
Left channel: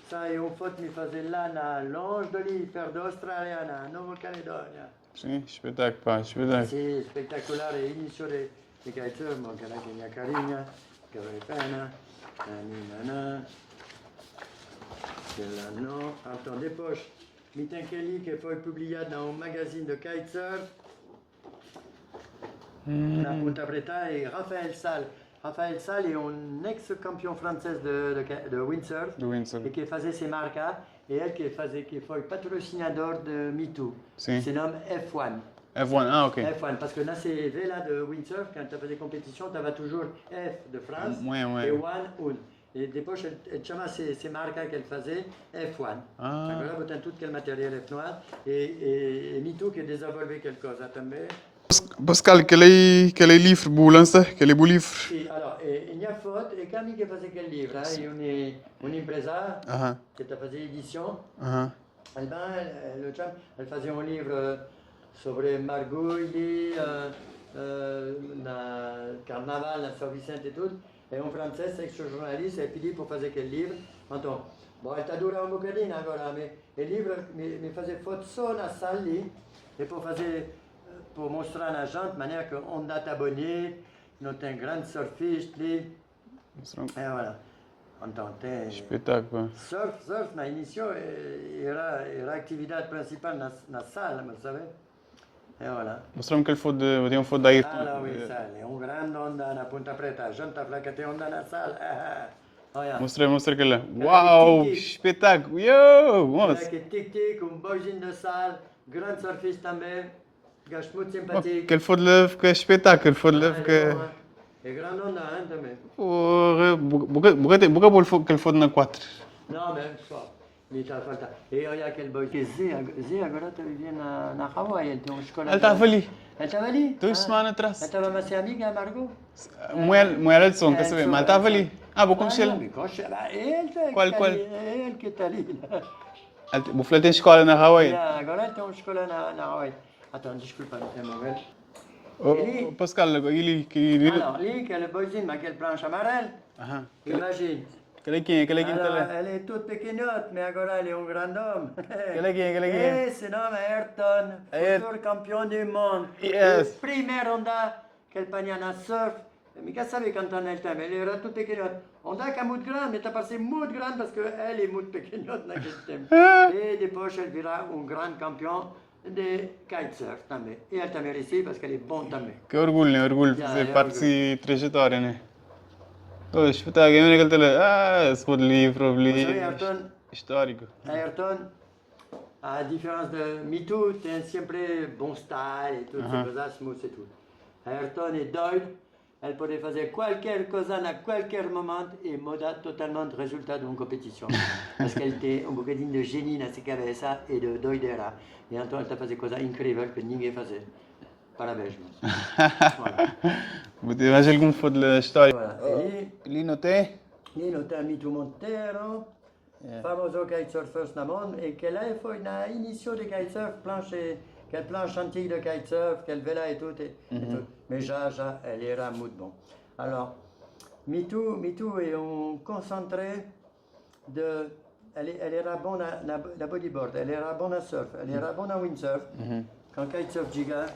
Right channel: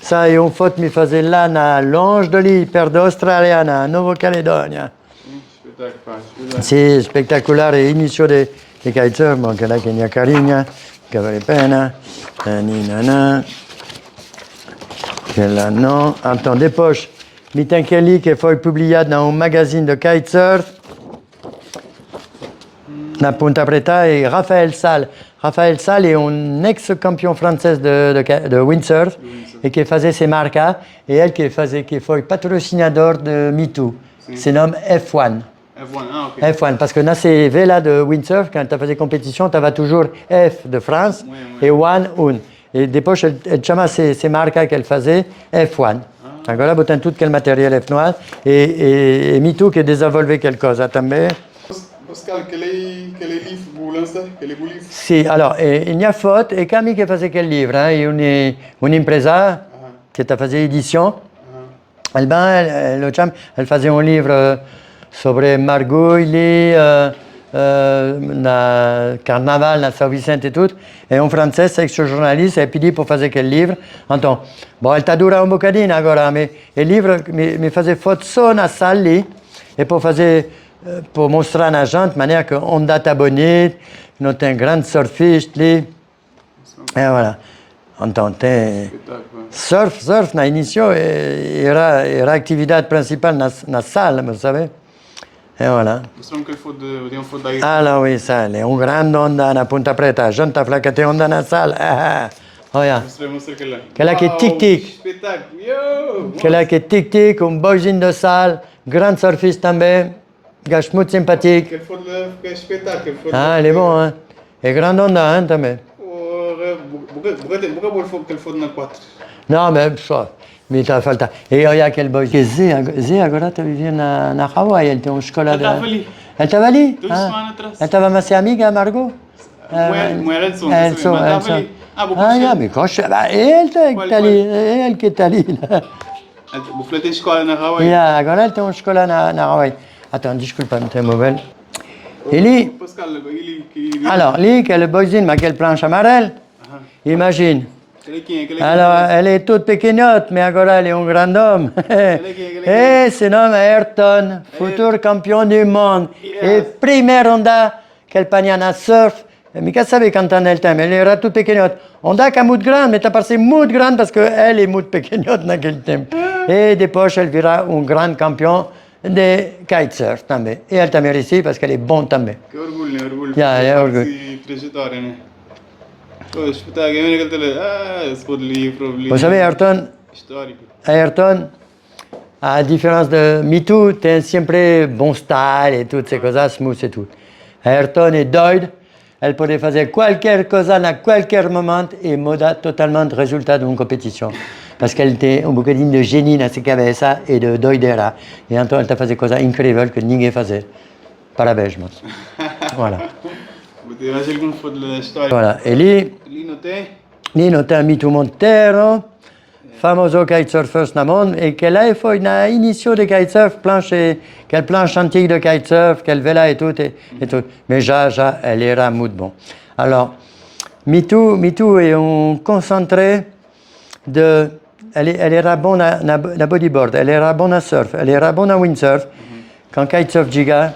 Ça, et une photo me faisait là, na longe de l'île, perde australienne, en Nouvelle-Calédonie. Sì, spettacolare inizio di kitesurf, ma anche là che ne ha carina, che vale pena, che là no. Attends, depois, mi tem che lì che foi pubblicata dans un magazine de kitesurf. na Punta Preta et Raphaël Sall. Raphaël Sall est un ex-champion français de windsurf et qui faisait ses marcas et elle qui foi patrocinador de MeToo. Se nomme F1. F1, ah, ok. F1, parce que dans ces vélas de windsurf, quand tu as fait des compétitions, tu avais toujours F de France et One, un. Et des poches, elle chama ces marcas qu'elle faisait F1. Agora botam tout quel matériel F1 et MeToo qui désenvolvé quelque chose também. Pascal, quel est le livre pour lancer? Quel est le livre? Sì, allora, il y a faute et Camille qui faisait quel livre, hein, une impresa qui t'a fait édition. Elle faisait un livre sobre Margouilli, na Carnaval, na São Vicente et tout. Et en français, ex-journaliste, et puis dit pour faire quel livre. Então, bon, elle t'a duré un bocadino agora, mais le livre me faisait faute só na salle et pour montrer à la gente de manière qu'on date bonite, nous sommes un grand surfiste, et voilà. Então, surf na inicio era a atividade principal na salle, vous savez. Et voilà. Mostrăm că e un fond aici. Ah, là, oui, ça, è un grande onda na Punta Preta. Gente afla că te onda na salle. Olha. Mostră că Quella che tic-tic. Spettacolo. Yo! Quella che tic-tic, un boisin de salle, grand surfiste també, gachmut sympathique. Quel fond de spectacol. Ah, il est bon, hein. Et grande onda, hein, també. Buca bol quel fond de 4. No, mais ça. Mi ta falta. E olha aquele boy que Zé agora tá vivendo na Hawaii, ele tem uma escola Ela estava ali. Ela estava ali? 2 semanas atrás. Ela estava mais amiga, Margot? Moeda de som, mas estava ali. Ah, vou puxar. Ah, mais coxa, ele tá ali, ele que tá ali. Vou falar de escola na Hawaii. Agora ele tem uma escola na Hawaii. Attends, desculpa, não tem móvel. Ele... Pascal, ele... Alors, lui, que le boyzine, mais quelle planche amarelle. Imagine. Alors, elle est toute pequeñotte, mais agora elle est un grand homme. Et se nomme Ayrton, futur champion du monde. Et première onda qu'elle pagnana surf. Mica sabe cantar nel temps, elle era toute pequeñotte. Onda qu'à mout grande, mais t'as passé mout grande parce qu'elle est mout pequeñotte dans quel temps. Et des poches, elle vira un grand champion de kitesurf também. Et elle t'a mérité parce qu'elle est bonne também. Que orgulho, orgulho. É orgulho. Trajetória, né? Oh, espetáculo, ce livre. Vous savez, Ayrton, Ayrton, à la différence de MeToo, t'es sempre bon style et toutes ces choses, smooth et tout. Ayrton est doido, elle peut faire qualquer chose à qualquer moment et moda totalement le résultat d'une compétition. Parce qu'elle était un bocadinho de génie dans ses cabeças et de doidera. Et Anton, elle t'a fait des choses incroyables que ninguém faisait. Parabéns, moi. Voilà. Evangel cum fod la storia. Voilà. Et Lino te MeToo Montero, famoso kitesurfer na monde, et qu'elle a fait une initiation de kitesurf, quelle planche antique de kitesurf, quelle vela et tout, et tout. Mais elle era muy bon. Alors, MeToo est un concentré de... Elle era bonne à bodyboard, elle era bonne à surf, elle era bonne à windsurf. Quand kitesurf giga,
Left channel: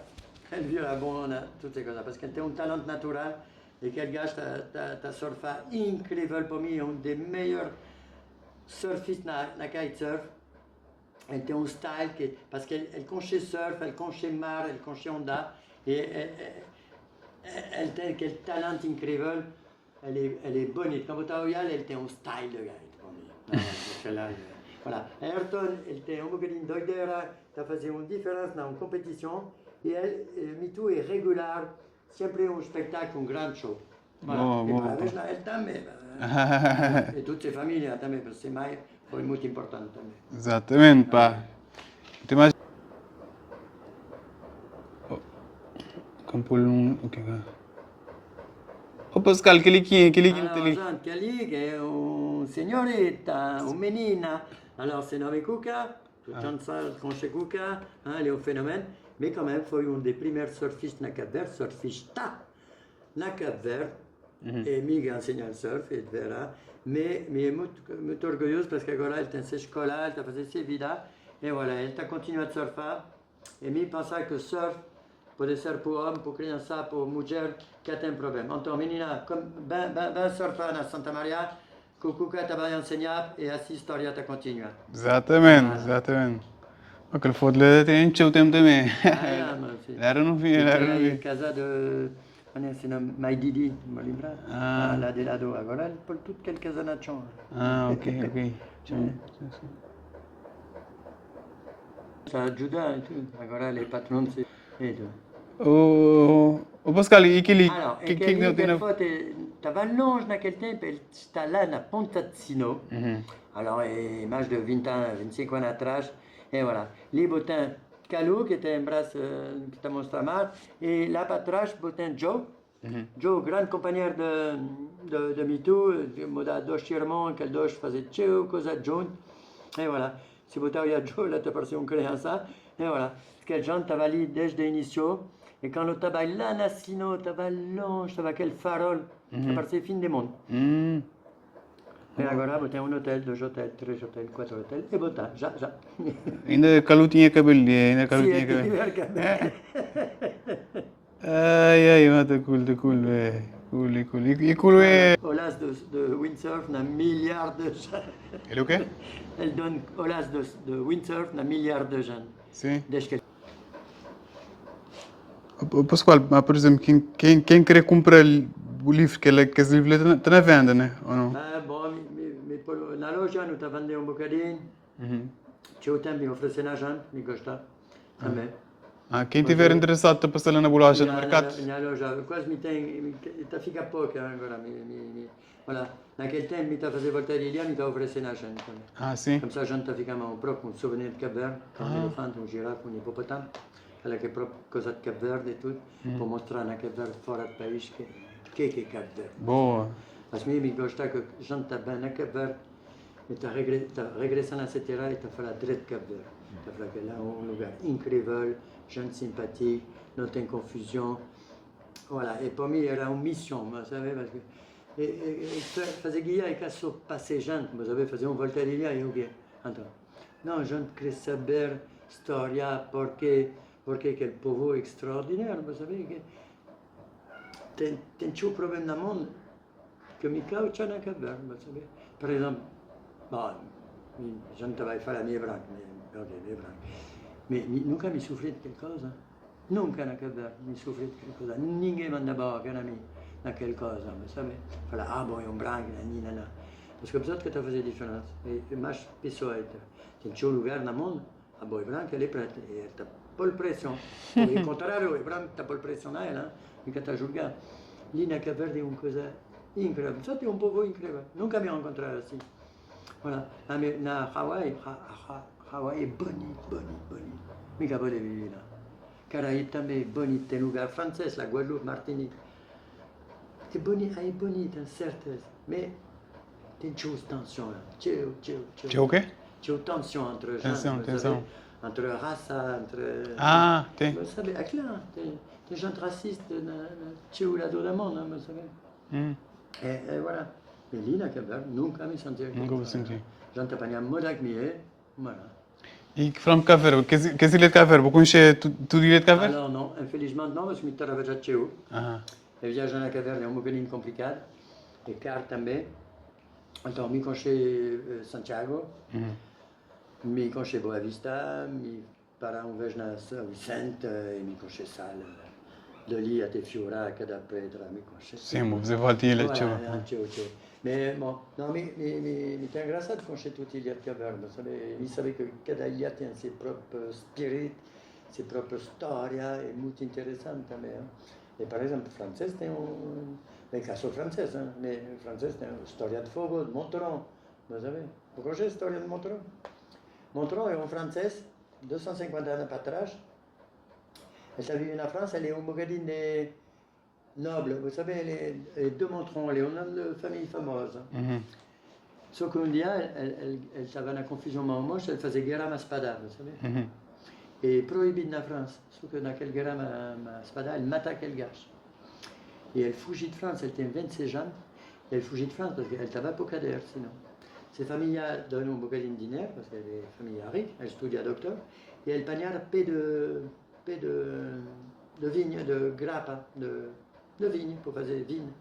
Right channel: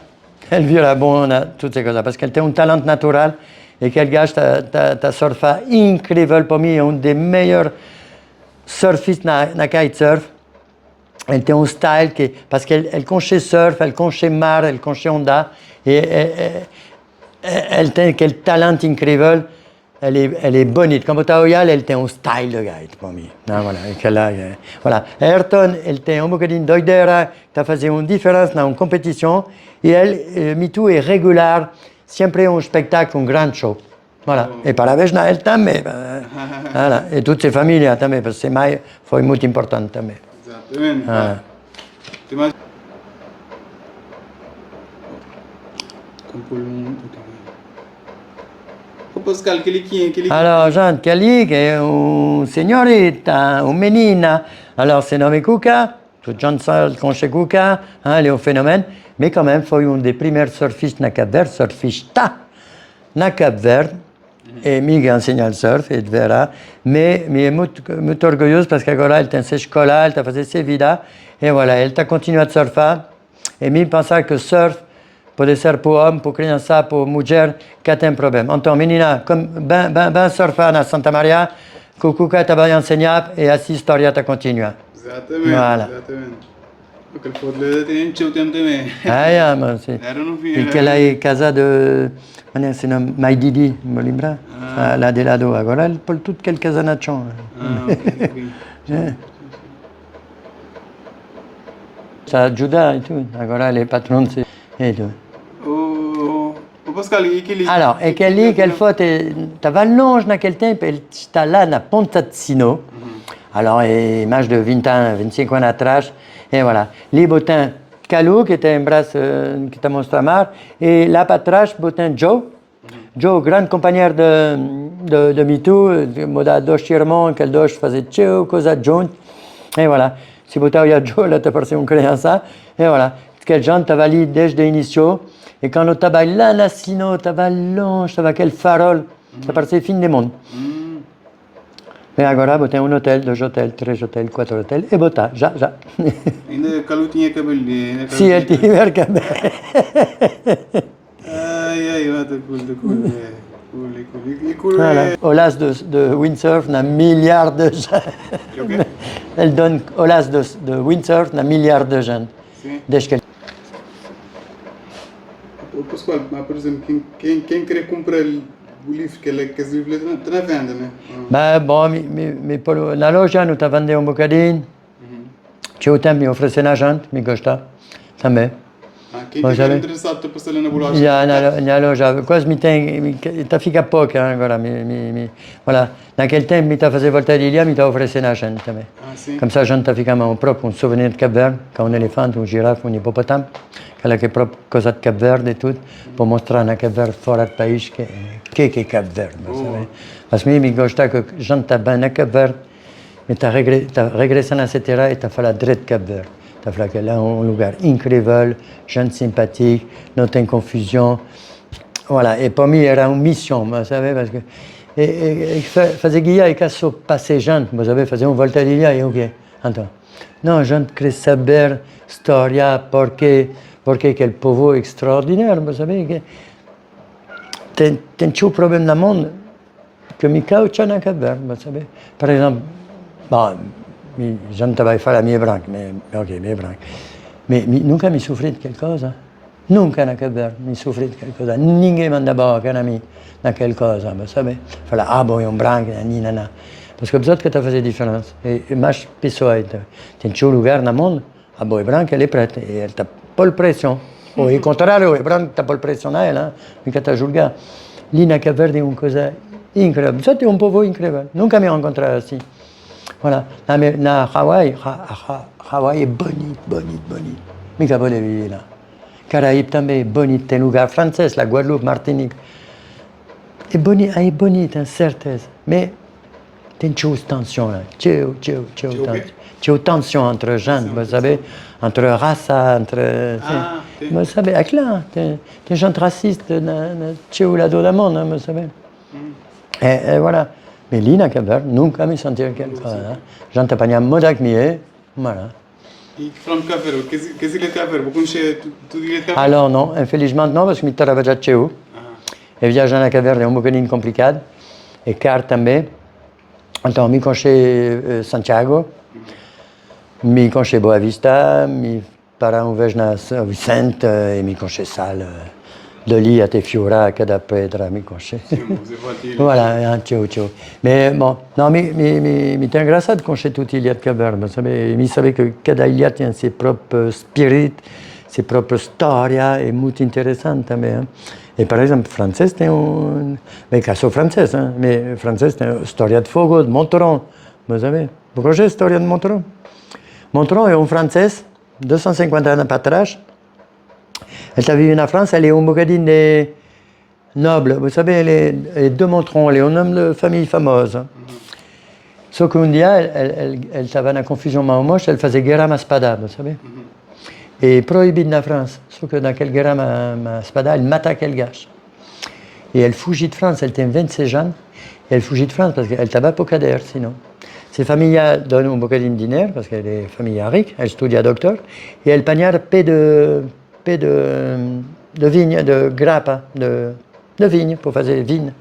elle vira bonne à toutes ces choses, parce qu'elle a un talent naturel et qu'elle gâche ta surfa incroyable pour moi, un des meilleurs surfistes na kitesurf. Elle a un style parce qu'elle conche surf, elle conche mar, elle conche onda, et elle a quel talent incroyable. Elle est bonite. Comme Otaoyal, elle a un style de guide pour moi. Ah, voilà. Ayrton, elle a un bocadinho doidera, qui a fait une différence dans une compétition. Et elle, MeToo est régulière, sempre un spectacle, un grand show. Voilà. Et parabéns à elle também. Voilà. Et toutes ses familles também, parce que c'est mai foi muito importante também. Exatamente. Tem mais... Oh, Pascal, aquele... Alors, Jean, Kelly, qui est une signorita, une menina. Alors, c'est nommé Cuca. Tout le monde sait qu'on chez Cuca. Elle est un phénomène. Mais quand même, foi un des premiers surfistes na Cap-Vert, surfista na Cap-Vert. Et Miga enseigne le surf, et verra. Mais elle est muito orgulhosa parce qu'agora elle tem ses escola, elle t'a fait ses vidas. Et voilà, elle t'a continué à surfer. Et mi pensava que surf pode ser pour homme, pour criança, pour mulher, que tem problème. Então, menina, comme ben surfar na Santa Maria, que o Cuca t'a enseigné, et assim a história t'a continué. Exatamente, Voilà. exatamente. Aquele foto lá tem o tempo também. Ah, yeah, ma sì. Erano E figli. che lei casa de... Mane se non mai Didi, mi lembra? La de lado. Agora il pol tutto quel casanaccio. Ah, ok, ok. Ça aiuta e tutto. Agora le patron sì. E tutto. O Pascal, e aquele... Alors, e che lì, quelle fois, t'avais longe dans quel tempo, e sta là na Ponta de Sino. Alors, image de 20 ans, 25 ans atrás. Et voilà. Lì, botin Calou, qui était un bras qui t'a montré mar, et là, para trás, botin Joe. Joe, grande compagnie de MeToo, moda dos irmãos, que dos faisait tchou, cosa junto. Et voilà. Si botin il y a Joe, là, t'as passé un créança. Et voilà. Quel genre, t'avais lì desde l'initio. Et quand on t'avait là, na Sino, t'avais longe, t'avais quel farol. Ça paraissait fin du monde. E agora botei un hotel, 2 hotels, 3 hotels, 4 hotels e botà, già. Ainda Calu tinha cabelo. Ainda Calu Sì, è tinha diverso. Ai, mata cool, cool, cool. E cool, Voilà. Olas de windsurf na milliard de gens. Ele o quê? Elle donne olas de windsurf na milliard de gens. Sim. Desde que Pascoal, mas por exemplo, quem querer comprar o livro que esse livro está na venda, né? Ou não? Beh, bon, na loja nu ta vende un bocadinho. C'è un tempo mi offrisse una gente, mi costa. Também. Ah, quem Pois estiver é. interessado está passando na bolagem. Ja, na loja, quase mi tem, ta fica pouco agora, voilà. Naquele tempo mi ta fazer volta de ilha, mi ta offrisse una gente também. Ah, sim. Comme ça, a gente ta fica un próprio, un souvenir de Cap Verde, com un elefante, un girafe, un hipopotame, aquela que é própria coisa de Cap Verde e tudo, para mostrar na Cap Verde, fora do país, que é Cap Verde, sabe? Mas mim me gosta que a gente está bem na Cap Verde, mas ta regressando à terra e ta fait la direita Cap Verde. Ta fait que là, un lugar incrível, gente sympathique, não tem confusão. Voilà, et pour moi, era une mission, vous savez, parce que... E fazer guia e que só passe gente, vous savez, fazer uma volta de ilha e o quê? Então, não, a gente quer saber história, porque aquele povo é extraordinário, vous savez, que tem um problema no mundo que me causa na Cap Verde, vous savez. Par exemple, bon, je ne travaille pas la mia branca, mais ok, mia branca. Mais nunca mi soffri di qualcosa. Nunca na Cap Verde mi soffri di qualcosa. Ninguém manda boca na mim na qualcosa, vous savez. Fala, ah, bom, é um branco, nanana. Parce que peut-être que tu faz diferença. E mais pessoas, tem um lugar no mundo, a boa é branca, ela é preta, e ela está por pressão. Ou ao contrário, é branca, está por pressão a ela, fica a julgar. Ali na Cap Verde é uma coisa incrível. Só tem um povo incrível. Nunca me encontrei assim. Voilà. Na Hawaii, Hawaii é bonito. Mica volevo ir lá. Caraíbes também é bonito. Tem lugar francês, la Guadeloupe, Martinique. É bonito, certeza. Mas tem tension lá. C'è tension entre gente, vous savez, entre raça, entre... Ah, tem. Vous savez, é claro, tem gente raciste c'è lado do mundo, vous savez. E voilà. Mais lì na Cap Verde, nunca mi sentivo qualcosa. Gente apanha moda que mi è, voilà. E que from Cabo Verde, que ilha de Cabo Verde? Vou conhecer tudo ilha de Cabo Verde? Alors non, infelizmente não, parce que mi trabalha c'è eu. E viajar na Cap Verde é um bocadinho complicado, e caro também. Então, mi conheci Santiago, mi conheci Boa Vista, mi para um vez na São Vicente, e mi conheci Sal, dali até Fiora, cada pedra, mi conheci. Sim, você pode ir. Voilà, ciao. Mais bon, non, mi tem engraçado conhecer tudo a ilha de Cabo Verde, sabe? Mi sabe que cada ilha tem seu próprio spirit, sua própria história, é muito interessante também. Hein? E, por exemplo, francês tem bem, que sou francês, hein? Mas francês tem a história de fogo, de Monteron, vous savez? Vous connaissez a história de Monteron? Monteron é francês, 250 anos para trás. Elle a vécu en France, elle est un bocadine des nobles. Vous savez, elle est de Monteron, elle est un homme de famille fameuse. Sauf qu'un dia, elle avait une confusion moche, elle faisait guerre à spada, vous savez. Et prohibée en France. Sauf que dans quelle guerre à spada, elle mata quel gars. Et elle fugit de France, elle était 26 ans. Et elle fugit de France parce qu'elle n'avait pas de cader, sinon. Ses familles donnent un bocadine de dîner, parce qu'elle est famille riche, elle studia docteur. Et elle pagnard paix de vigne, de grappa, de vigne, pour faire des vignes.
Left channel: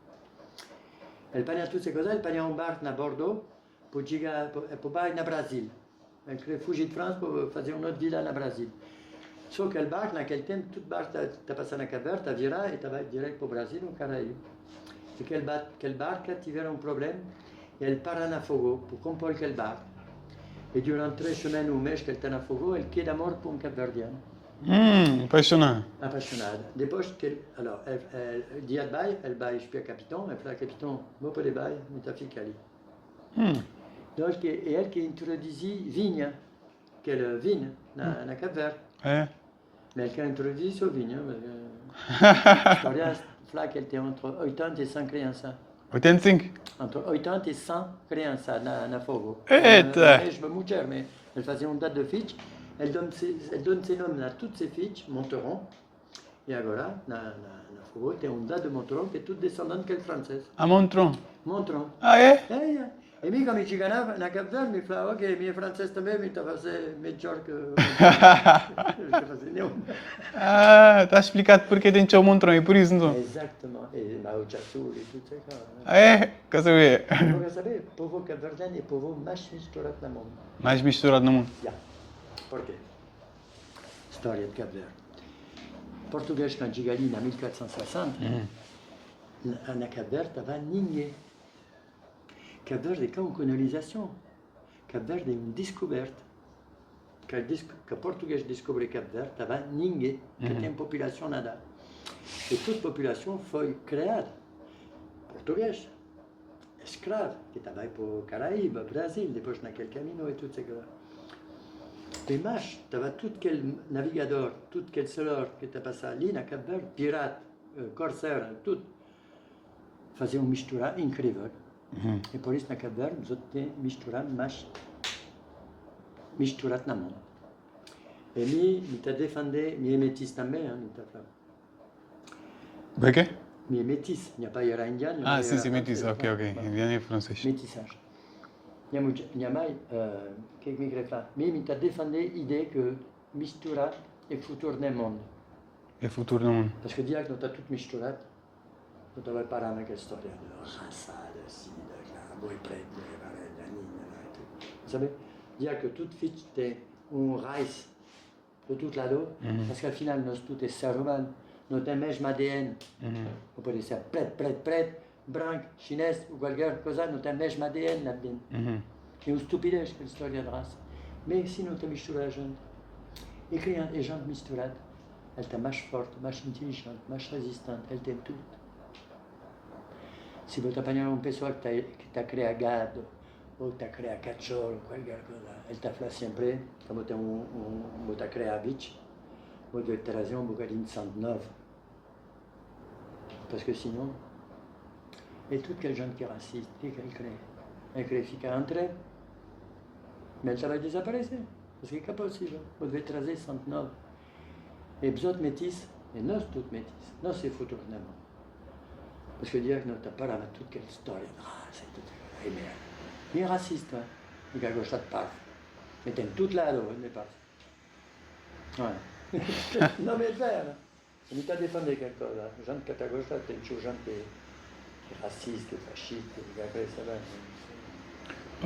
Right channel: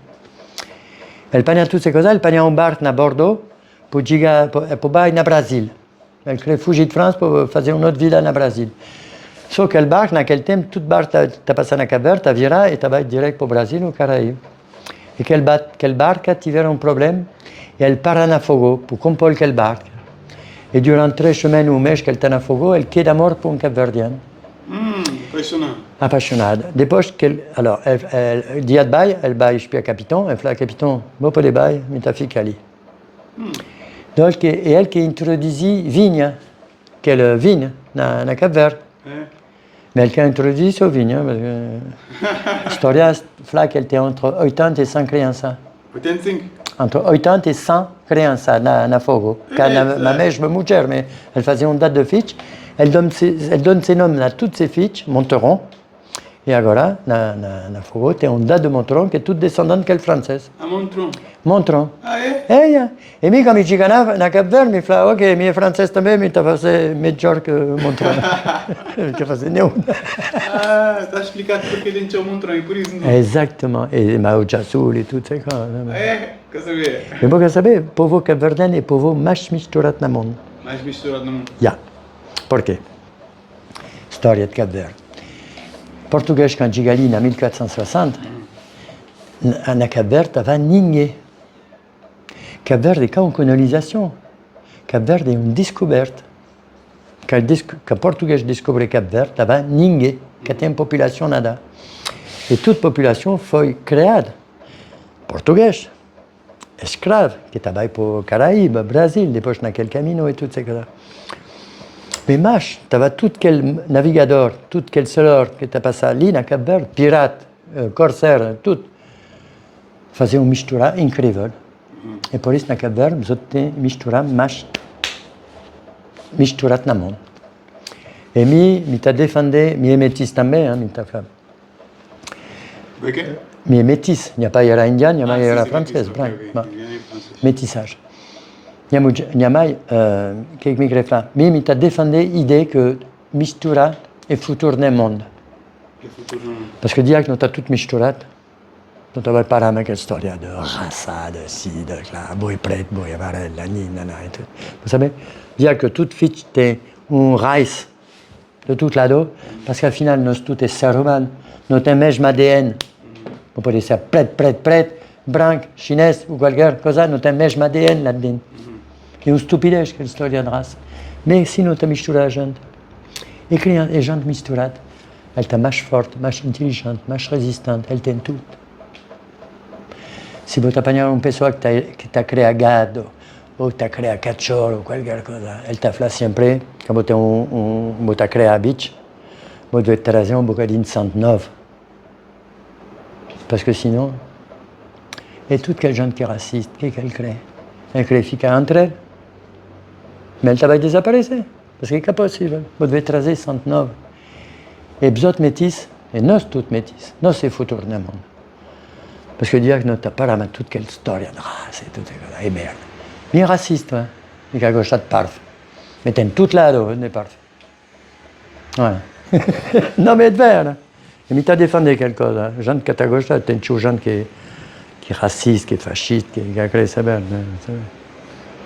Elle pagna toutes ces choses, elle pagna un bar à Bordeaux pour aller au Brésil. Elle crée fugir de France pour faire une autre vida na Brasil. Só que elle barque, naquele tempo, toute barque t'as passé na Cap Verde, t'as viré et t'as vai direct pour Brasil ou Caraïbes. Et quelle barque tiver un problème, et elle part à Nafogo pour comprendre quelle barque. Et durant 3 semaines ou mês qu'elle est à Nafogo, elle quitte à mort pour un Cap-Verdien. Impressionant. Apaixonada. Depois que alors, dia de baile, elle baille chez le capitaine, elle fait le capitaine, vou para baile, mais ta fica ali. Donc, et elle qui introduit vigne, quelle vigne, na Cap-Verde. Mais elle qui a introduit ce vigne, parce que l'histoire, c'est qu'elle était entre 80 et 100 crianças. 85? Entre 80 et 100 crianças na Fogo. La mesma mulher, mais elle faisait une date de fiche. Elle donne ses noms à toutes ses fiches, Monteron. Et agora, na Fogo, tem une date de Monteron qui est toute descendante qu'elle française. À Montron? Montron. Ah, E mi quando ci ganava na Cap Verde, mi fa, ok, mi è francese também, mi ta fazer melhor que Montron. Mi fazer nenhum. Ah, está explicado porque tem o Montron e por isso não. Exactement. Et Mao Tse-tung et toutes ces choses. Quer saber? E vou quer saber, o povo cabo-verdiano é o povo mais misturado no mundo. Mais misturado no mundo. Já. Por quê? História de Cabo Verde. Português, quando chega ali em 1460, na Cabo Verde estava ninguém. Cabo Verde é uma colonização. Cabo Verde é uma descoberta. Quand Português descobriu Cabo Verde, estava ninguém, que tem população nada. E toda população foi criada. Português, escravo, que estava para o Caraíba, Brasil, depois naquele caminho e tudo isso. Mais mas, estava todo aquele navigador, todo aquele senhor que está passando ali na Cabo Verde, pirata, corsaire, tudo, fazia uma mistura incrível. E por isso na Cabo Verde, nós temos misturado mais misturado na mundo. E me está defendendo, me é métis também, me está falando. De quê? Me é métis, il n'y a pas era indien, il n'y a pas era française. Métissage. Métissage. Il y a mai, que me grefla. Me está defendendo a ideia que mistura é futuro no mundo. É futuro no mundo. Parce que dire que nous avons tout misturado, nous avons parlé de quelle histoire de raça, de ci, de là, boi preto, boi amarelo, nana et tout. Vous savez, dire que toute fiche est un race de tout là-dedans, parce qu'au final, nous tous est ser humain, nous avons le même ADN. On peut dire preto, branco, chinês ou quelque chose, nous avons le même ADN là-dedans. É uma estupidez que a história de raça. Mas se não está misturada a gente, e a gente misturada, ela está mais forte, mais inteligente, mais resistente, ela tem tudo. Se você apanhar uma pessoa que está criando gado, ou que está criando cachorro, ou qualquer coisa, ela está falando sempre, quando você está criando bicho, você deve trazer um bocadinho de sangue novo. Parce que sinon, é tudo que a gente que é racista, o que ela crê? Ela crê ficar entre elles. Mais elle va disparaître, parce que c'est possible. Vous devez tracer 109. Et vous autres métis, et nous tous métis, nous c'est futur dans le monde. Parce que dire que nous n'avons pas toute quelle histoire de race et tout ça, et merde. Mais raciste, hein, et quelque chose de parfait. Mais t'es tout là-dedans, n'est parfait. Voilà. Non mais de verre, hein. Et mais t'as défendu quelque chose, hein. Gens qui à gauche là, t'es une chose qui est raciste, qui est fasciste, qui est créé ça bien.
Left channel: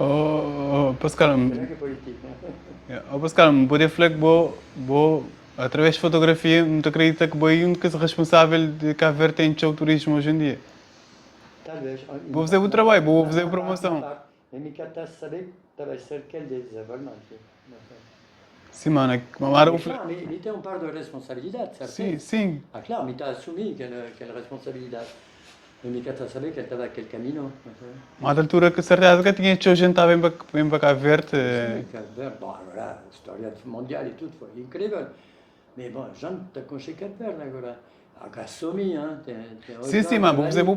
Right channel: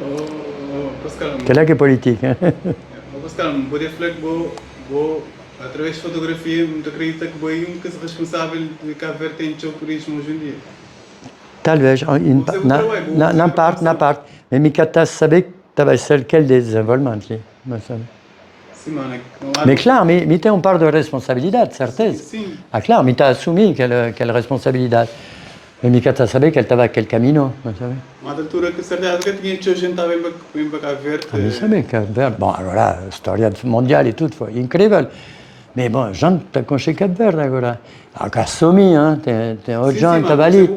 Oh, Pascal. Que là qui est politique, hein. Oh, Pascal, pode falar que vou através de fotografia, não acredita que vou um que é responsável de Cabo Verde tem o turismo hoje em dia. Talvez, na parte. Mais Mikata savait que tu avais celle quel désenvolvement. Sim, mano. Mais claro, mais tu as une part de responsabilité, certeza. Sim. Ah, claro, mais tu as assumé quelle responsabilité. Mais Mikata savait qu'elle t'avait quel camino, vous savez. À altura que certeza que tinha gente estava bem para Cabo Verde. Vous savez, Cabo Verde, bon, agora, história mondiale et tout, foi incrível. Mais bon, gente está com Cabo Verde agora. Agora assumi, hein, tem outro gente que estava ali.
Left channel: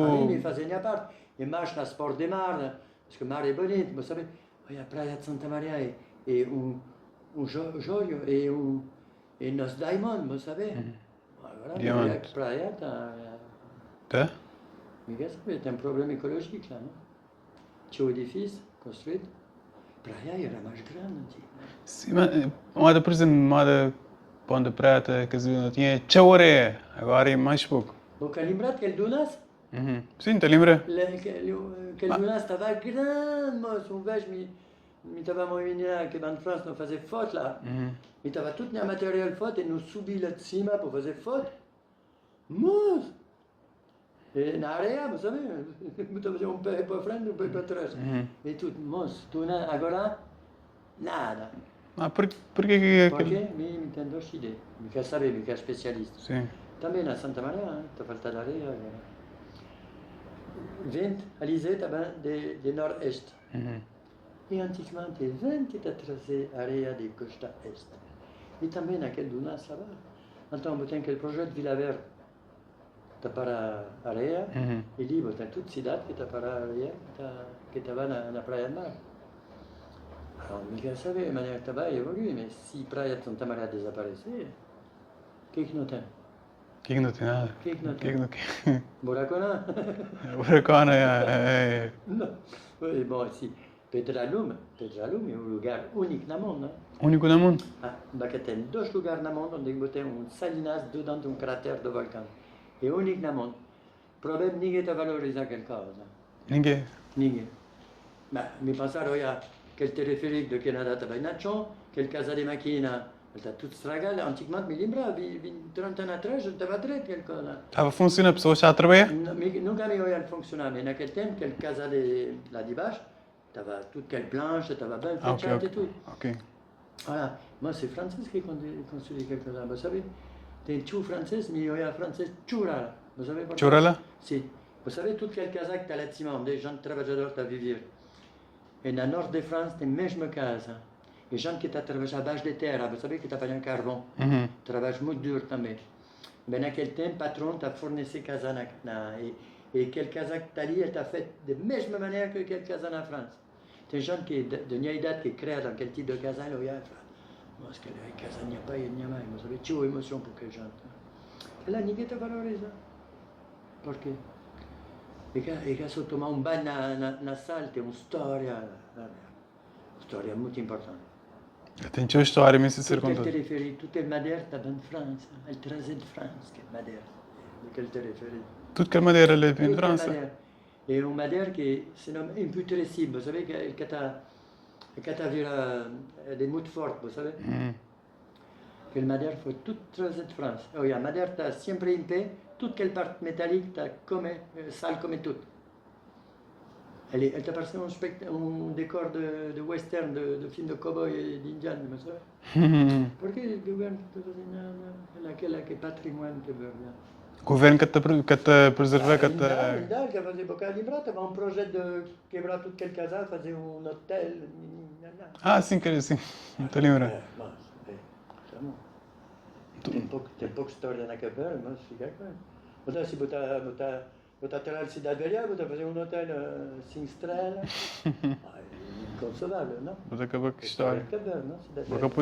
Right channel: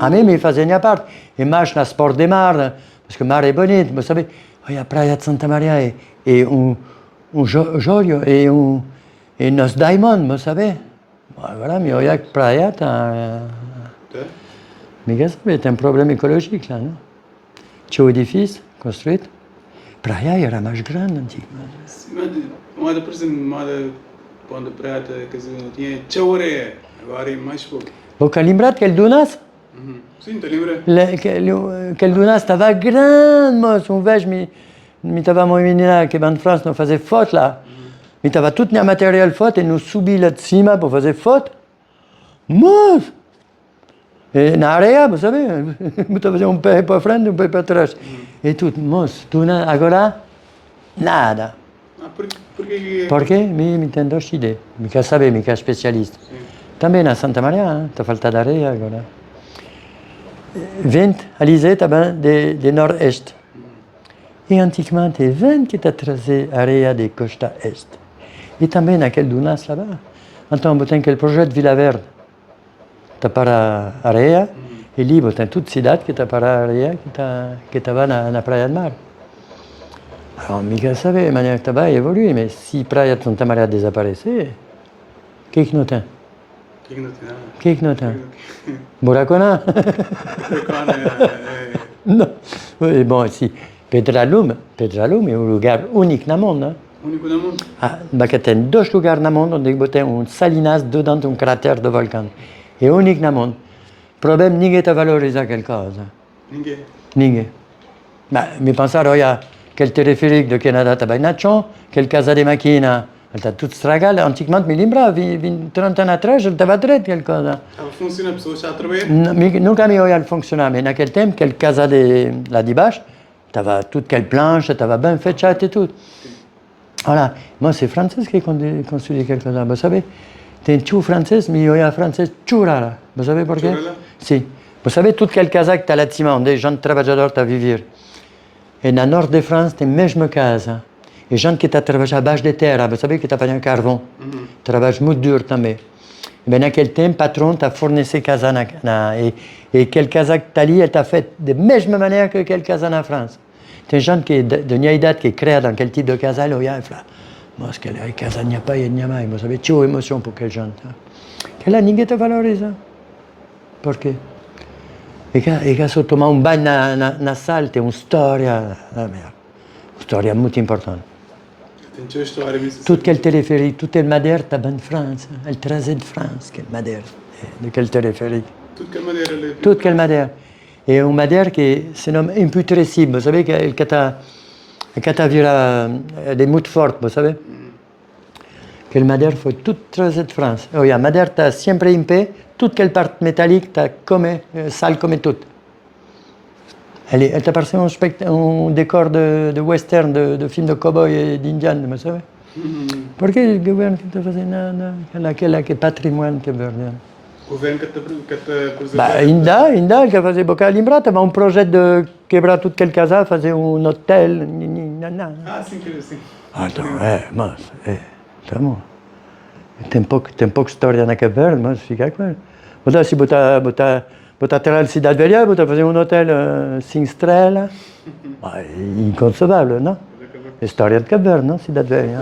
A mim me fazia minha parte. E mais na sport de mar, parce que mar é bonito, vous savez. Olha a praia de Santa Maria e joio e nos diamond, vous savez. Agora, mais olha que praia está... Mais qu'est-ce que c'est un problème écologique là, non? Tinha o edifício construído. Praia era mais grande antigamente. Sim, mas, por exemplo, uma Pão de Prata, quer dizer, tinha tchauré, agora é mais pouco. Você lembra aquele Dunas? Sim, te lembra? Aquele Dunas estava grande, moço. Um vez mi tavamo in là che in France non faisait faute là. Mi tava tutto il materiale faute e non subi là cima per fare faute. Mas! E na area, vous savez, mi tava un peu per frente, un peu per atrás. E tutto, mas, tu agora, nada. Ah, porque... Perché? Mi tendo idee, mica sabe, mica specialista. Sì. Também na Santa Maria, t'ha falta d'areia agora. Vent, Alizé, também de nord-est. E antigamente, vent que trazer areia de costa est. E também naquele dunas lá. Então, tem aquele projeto de Vila Verde. Tá para areia, e ali tem toda cidade que tá para areia, que estava na Praia do Mar. Alors, mica sabe, a maneira que estava evolui, mas se a Praia de Santa Maria desaparecer, o que não tem? O que não tem nada? O que não tem? Buracona? Buracona, é. Não. E, bom, si, Pedralum é um lugar único no mundo. Único no mundo? Ah, porque tem dois lugares no mundo onde tem salinas dedans de cratère de vulcão. É único no mundo. O problema é que ninguém está valorizando aquela coisa. Ninguém? Ninguém. Mas me pensaram, olha, aquele teleférico do Canadá está bem na chão, aquele casa de máquina, ele está tudo estragado. Antigamente, me lembro, 30 anos atrás, ele estava direito, aquela coisa. Estava funcionando, a pessoa já trabalha? Nunca me olhei funcionar, mas naquele tempo, aquele casa lá de baixo, estava tudo aquele planche, estava bem fechado e tudo. Okay. Voilà. Moi, c'est français qui construit quelque chose. Vous savez, c'est tout français, mais il y a un français churala. Vous savez pourquoi? Churala? Si. Vous savez, toute quelle casa que tu as là cima, des gens travailleurs à vivre. Et dans le nord de France, tu as même casa. Et gens qui travaillent à base de terre, vous savez, qui travaillent en carbone. Travaillent muito dur também. Et bien, dans quel temps, le patron t'a fourni ces casas. Et quelle casa que tu as là, elle t'a fait de la même manière que quelle casa en France. Tem gente que, de minha idade que crê naquele tipo de casal, olha e fala, mas que a casa não pai e não mãe, você vê, tinha emoção por aquela gente. Que lá ninguém te valoriza. Por quê? E que se tomar banho na sala, tem uma história, uma história muito importante. Tem uma história, mas... Tudo aquele teleférico, tudo aquele madeira está bem de França. Ele trazia de França, aquele madeira, daquele teleférico. Tudo aquele madeira ali. Tudo aquele madeira. Et une matière qui se nomme imputrescible. Vous savez, quand tu vira des moutes fortes, vous savez, que la matière faut toute tracer de France. Oh, la matière, tu as sempre impé, toute quelle part métallique, tu as comme, sale comme toute. Elle t'a passé un décor de western, de film de cowboy et d'indian, vous savez. Pourquoi le gouvernement qui te faisait nada? Quel patrimoine que verdi? O governo que te preservou. Ainda, que fazia boca lembrar, tava um projeto de quebrar tudo aquele casal, fazer um hotel. Ah, sim, quer dizer. Ah, então, mas, tá bom. Tem pouca história na Cabo Verde, mas fica claro. Botar se botar atrás da cidade velha, botar fazer um hotel 5 estrelas, inconcebável, não? A história de Cabo Verde, não? Cidade velha.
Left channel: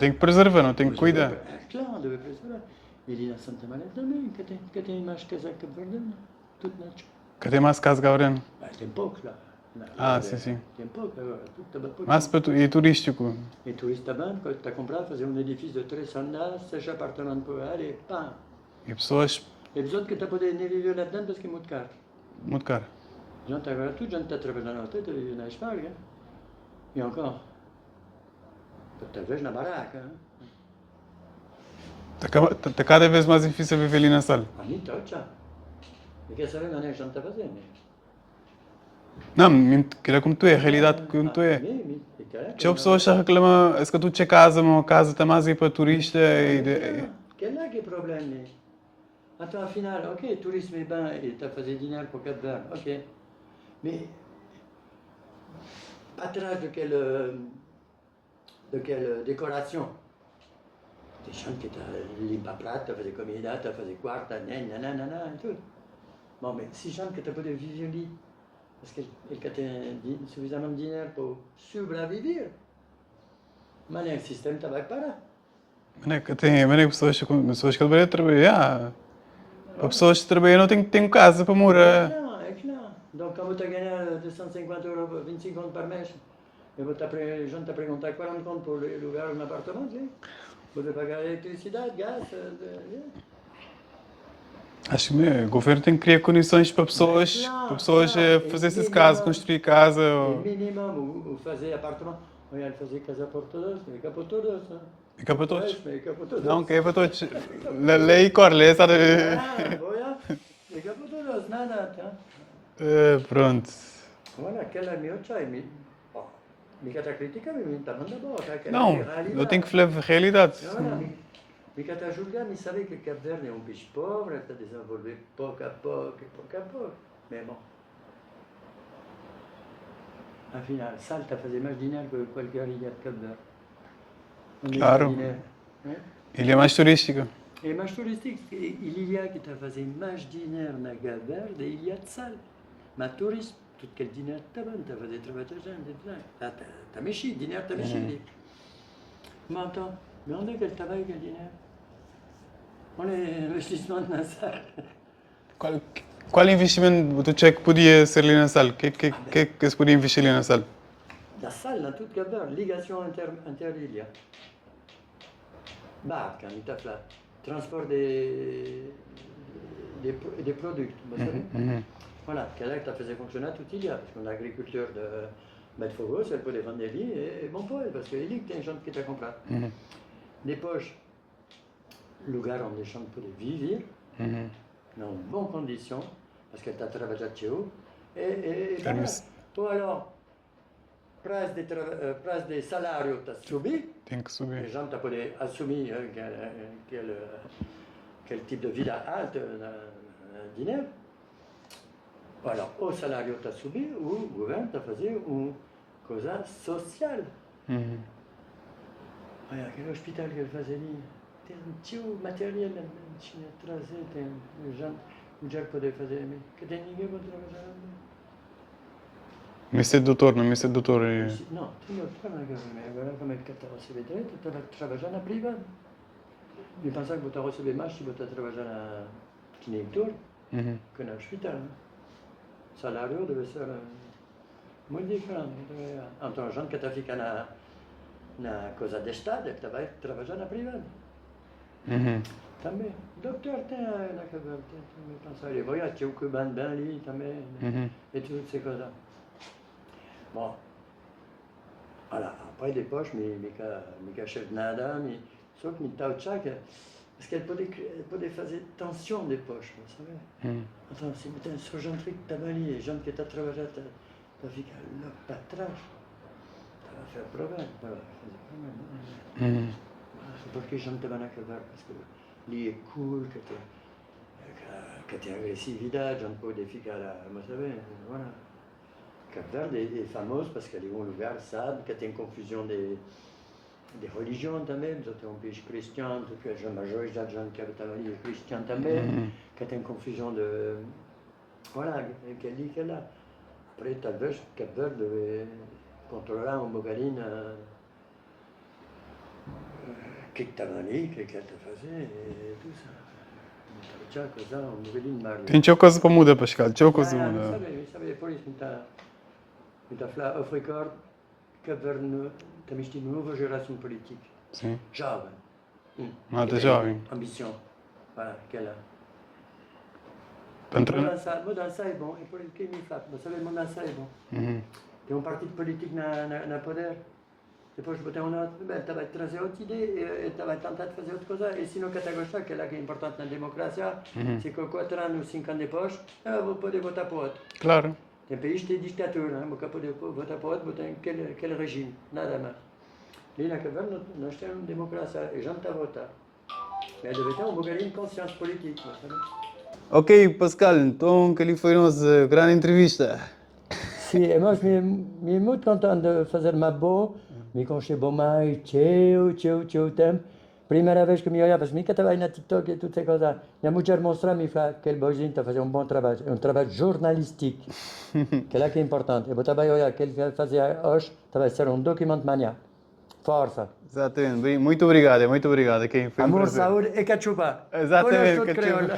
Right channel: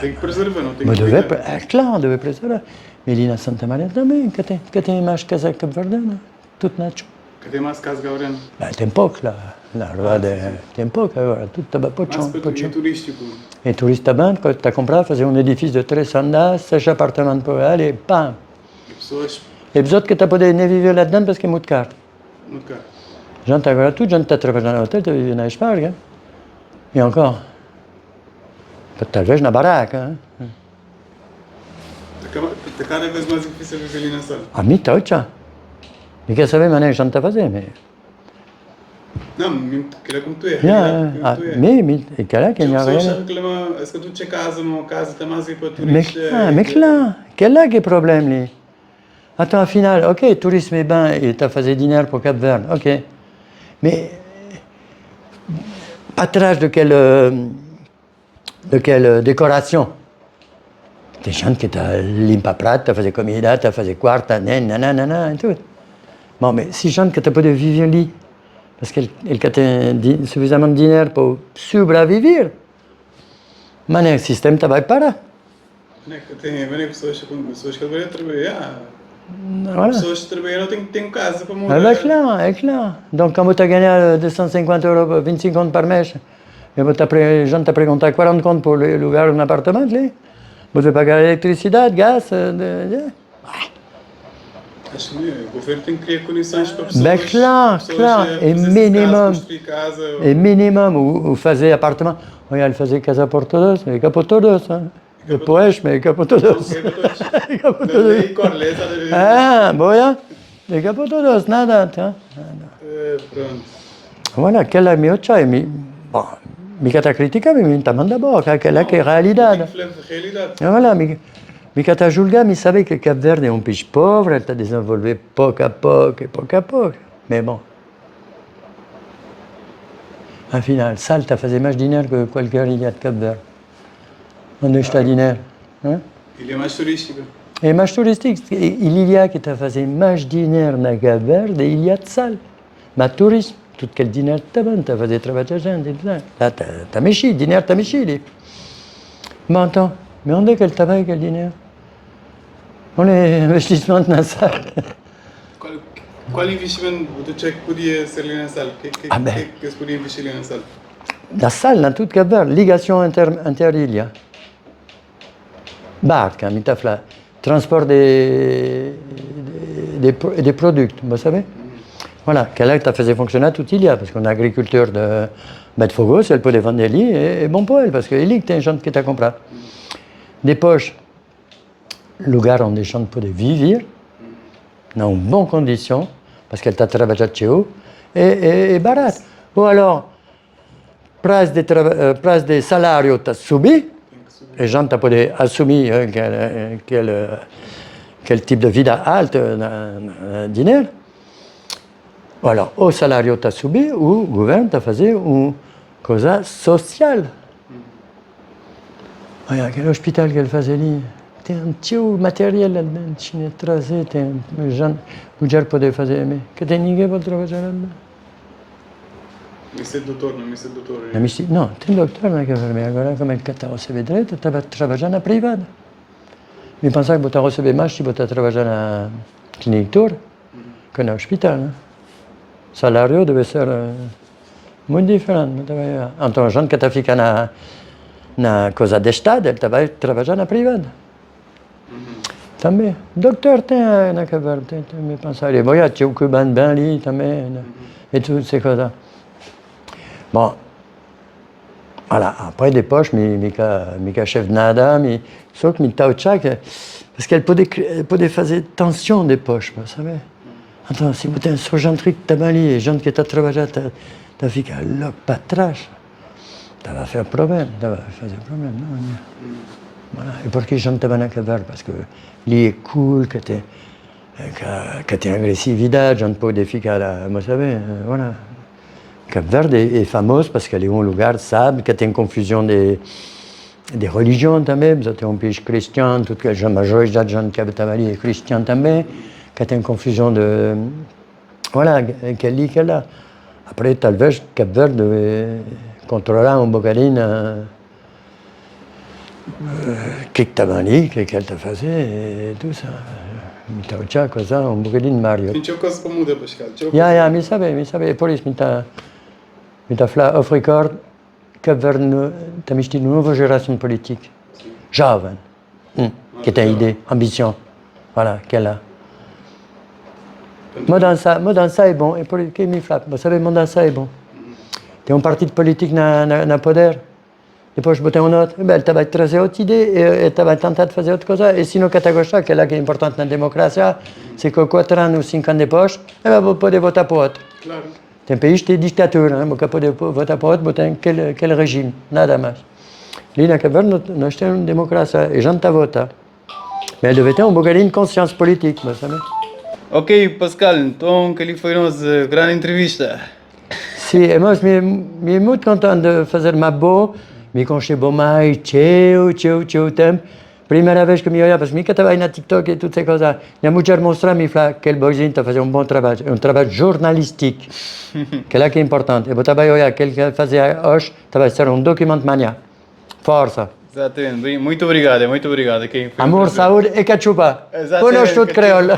Tem que preservar, não tem que cuidar. É claro, deve preservar. Mais ali na Santa Maria também, que tem mais casa cabo-verdiana, tudo nacho. Que tem mais casa cabo-verdiana? Tem pouco lá, na verdade, tem pouco agora, tudo está bem. Mas é turístico? É turista bem, quando está a comprar, fazer um edifício de 3 andares, 6 apartamentos por ali, e pam. E pessoas? E pessoas que estão a poder nem viver lá dentro porque é muito caro. Muito caro. Gente agora, tudo gente está a trabalhar no hotel, está a viver na Esparga. E encore, talvez na barraca. Está cada vez mais difícil viver ali na sala. A mim está já. E quer saber a maneira que a gente está a fazer, mas... Não, que é como tu é, a realidade como tu é. Mais, e cara que As não pessoas é. reclamam, é que tu tinha casa, uma casa está mais aí para turistas. Mais claro, quel é que é o problema ali? Attends, afinal, ok, tourisme est bien, et tu as fait dinero pour Cap Verde, ok. Mais, atrás de quelle décoration? Tem gente que está limpa prato, está a fazer comida, está a fazer quarto, nananana, e tudo. Bom, mas se gente que está a poder viver ali, parce qu'elle tem suffisamment de dinheiro para sobreviver, mas o sistema está vai parar. Tem pessoas que trabalham trabalhar. Pessoas que trabalham têm casa para morar. É claro. Donc, quand tu as gagné 250 euros, 25 contos par mês, et a gente te perguntar 40 contos pour louer un appartement, là. Você pagar eletricidade, gás. Acho que o governo tem que criar condições para pessoas, Ben, claro, claro. fazer Et casa, minimum. construir casa. Et minimum, ou fazer appartement. Olha, ele fazia casa por todos, e cá por todos. Hein? cá para Depois, mas cá por Não, todos. que é para todos. Cá por Na todos. lei corre, sabe? Ah, boia. E cá por todos, nada. Tá? Pronto. Voilà, quella mia c'è, mica ta critica, mi ta manda boca, quella che è Tem realidade. que falar a realidade. E voilà, mica ta julga, mi sabe que Cap Verde é um país pobre, ele está desenvolvendo pouco a pouco, pouco a pouco. Mais bon. Afinal, Salta fazer mais dinheiro que qualquer ilha de Cap Verde. Onde está dinheiro? Hein? Ele é mais turístico. É mais turístico. Ilha que está fazendo mais dinheiro na Cap Verde é Ilha de Sal. Mas turismo, tudo aquele dinheiro está bom, está a fazer trabalho a gente. Está mexido, dinheiro está mexido. Mas então, mais onde é que ele está bem, aquele dinheiro? Onde é o investimento na Sal? Qual investimento tu acha que podia ser ali na sala? O que se podia investir ali na sala? La Sal, dans toute Cap Verde, ligation inter-ilha. Barca, mitafla, transport des produits, vous savez? Voilà, qu'elle a fait fonctionner toute l'île, parce qu'on a agriculteur de Bedfogos, elle peut vendre des lits, et bon pour elle, parce que l'île, c'est un champ qui t'a compris. Des poches, le gars ont des champs pour vivre, dans bonnes conditions, parce qu'elle t'a travaillé chez eux, et barat. Ou alors, price des salarios t'as subi, Tem que subir. les gens t'ont pas assumé quel type de vie alto dinheiro. Ou alors, o salario t'as subi, ou le gouvernement t'a fait une cosa sociale. Regarde, quel hôpital qu'elle faisait là. Tem un petit matériel là-dedans, cine trasé, tem gens qui peuvent faire, mais que tem ninguém para trabalhar là-dedans. Mais c'est doutor, não, mais c'est doutor. Não, tem doutor na Cap Verde, agora como é que está a receber direito, está a trabalhar na privada. Me pensava que você a receber mais se você trabalhar na clínica tour que no hospital. Né? O salário deve ser muito diferente. Então, a gente que está ficando na coisa de Estado, ele vai trabalhar na privada. Também. Doutor tem na Cap Verde, me pensava, e olha, tinha o cubano bem ali também, e tudo ces coisas. Bon, voilà, après des poches, mica chef de nada, só que mi tauchak, parce qu'elle peut faire tension des poches, vous savez. Então, si vous êtes un surgeon truc, t'as mal et gens qui t'ont travaillé, t'as fait qu'à l'op pas trash, ça va faire problème, non? Voilà, et pour qui gens t'avaient un cavale, parce que lui est cool, que t'es agressivité, gens pas des filles vous savez, voilà. Cap Verde est fameuse parce qu'elle est un lugar sable, qu'il y a une confusion des religions también, vous êtes un pays chrétien, tout que la majorité des gens qui habitent à Mali est chrétien también, qu'il y a une confusion de... Voilà, qu'elle dit qu'elle a. Après, talvez Cap Verde contrôlera un bocadinho que tu Mali, qu'elle te faisait et tout ça. Então, tinha coisa, um bocadinho de Mario. Tem coisa para mudar, Pascal. Me sabe, por isso, me tá falando, off record, Cap Verde tem uma nova geração política, jovem, que tem ideia, ambição, voilà, qu'elle a. Mudança é bom, e por isso que me fala, você sabe, mudança é bom. Tem partido político na poder, depois botar um outro, ele vai trazer outra ideia, ele vai tentar fazer outra coisa, e se não quer gostar, que é lá que é importante na democracia, c'est que 4 anos ou 5 anos depois, ele vai poder votar para outro. Claro. Tem país que tem ditadura, não vai poder votar para outro, botar aquele regime, nada mais. Ali na Cap Verde, nós temos uma democracia, e a gente está a votar. Mas ele deve ter um bocadinho de consciência política, mas sabe? Ok, Pascal, então que ali foi a nossa grande entrevista. Sim, mas me muito contente de fazer uma boa. Me conchei bom mais, tchau tempo. Primeira vez que me olhava, porque eu estava na TikTok e tudo essas coisas. Minha mulher mostrou-me e falou que aquele boizinho está a fazer um bom trabalho, um trabalho jornalístico, que é lá que é importante. Eu estava a olhar, aquele que fazia hoje, estava a ser um documento manhã. Força. Exatamente, muito obrigado. Okay, Amor, saúde e cachupa. Exatamente. Conosco tudo creole.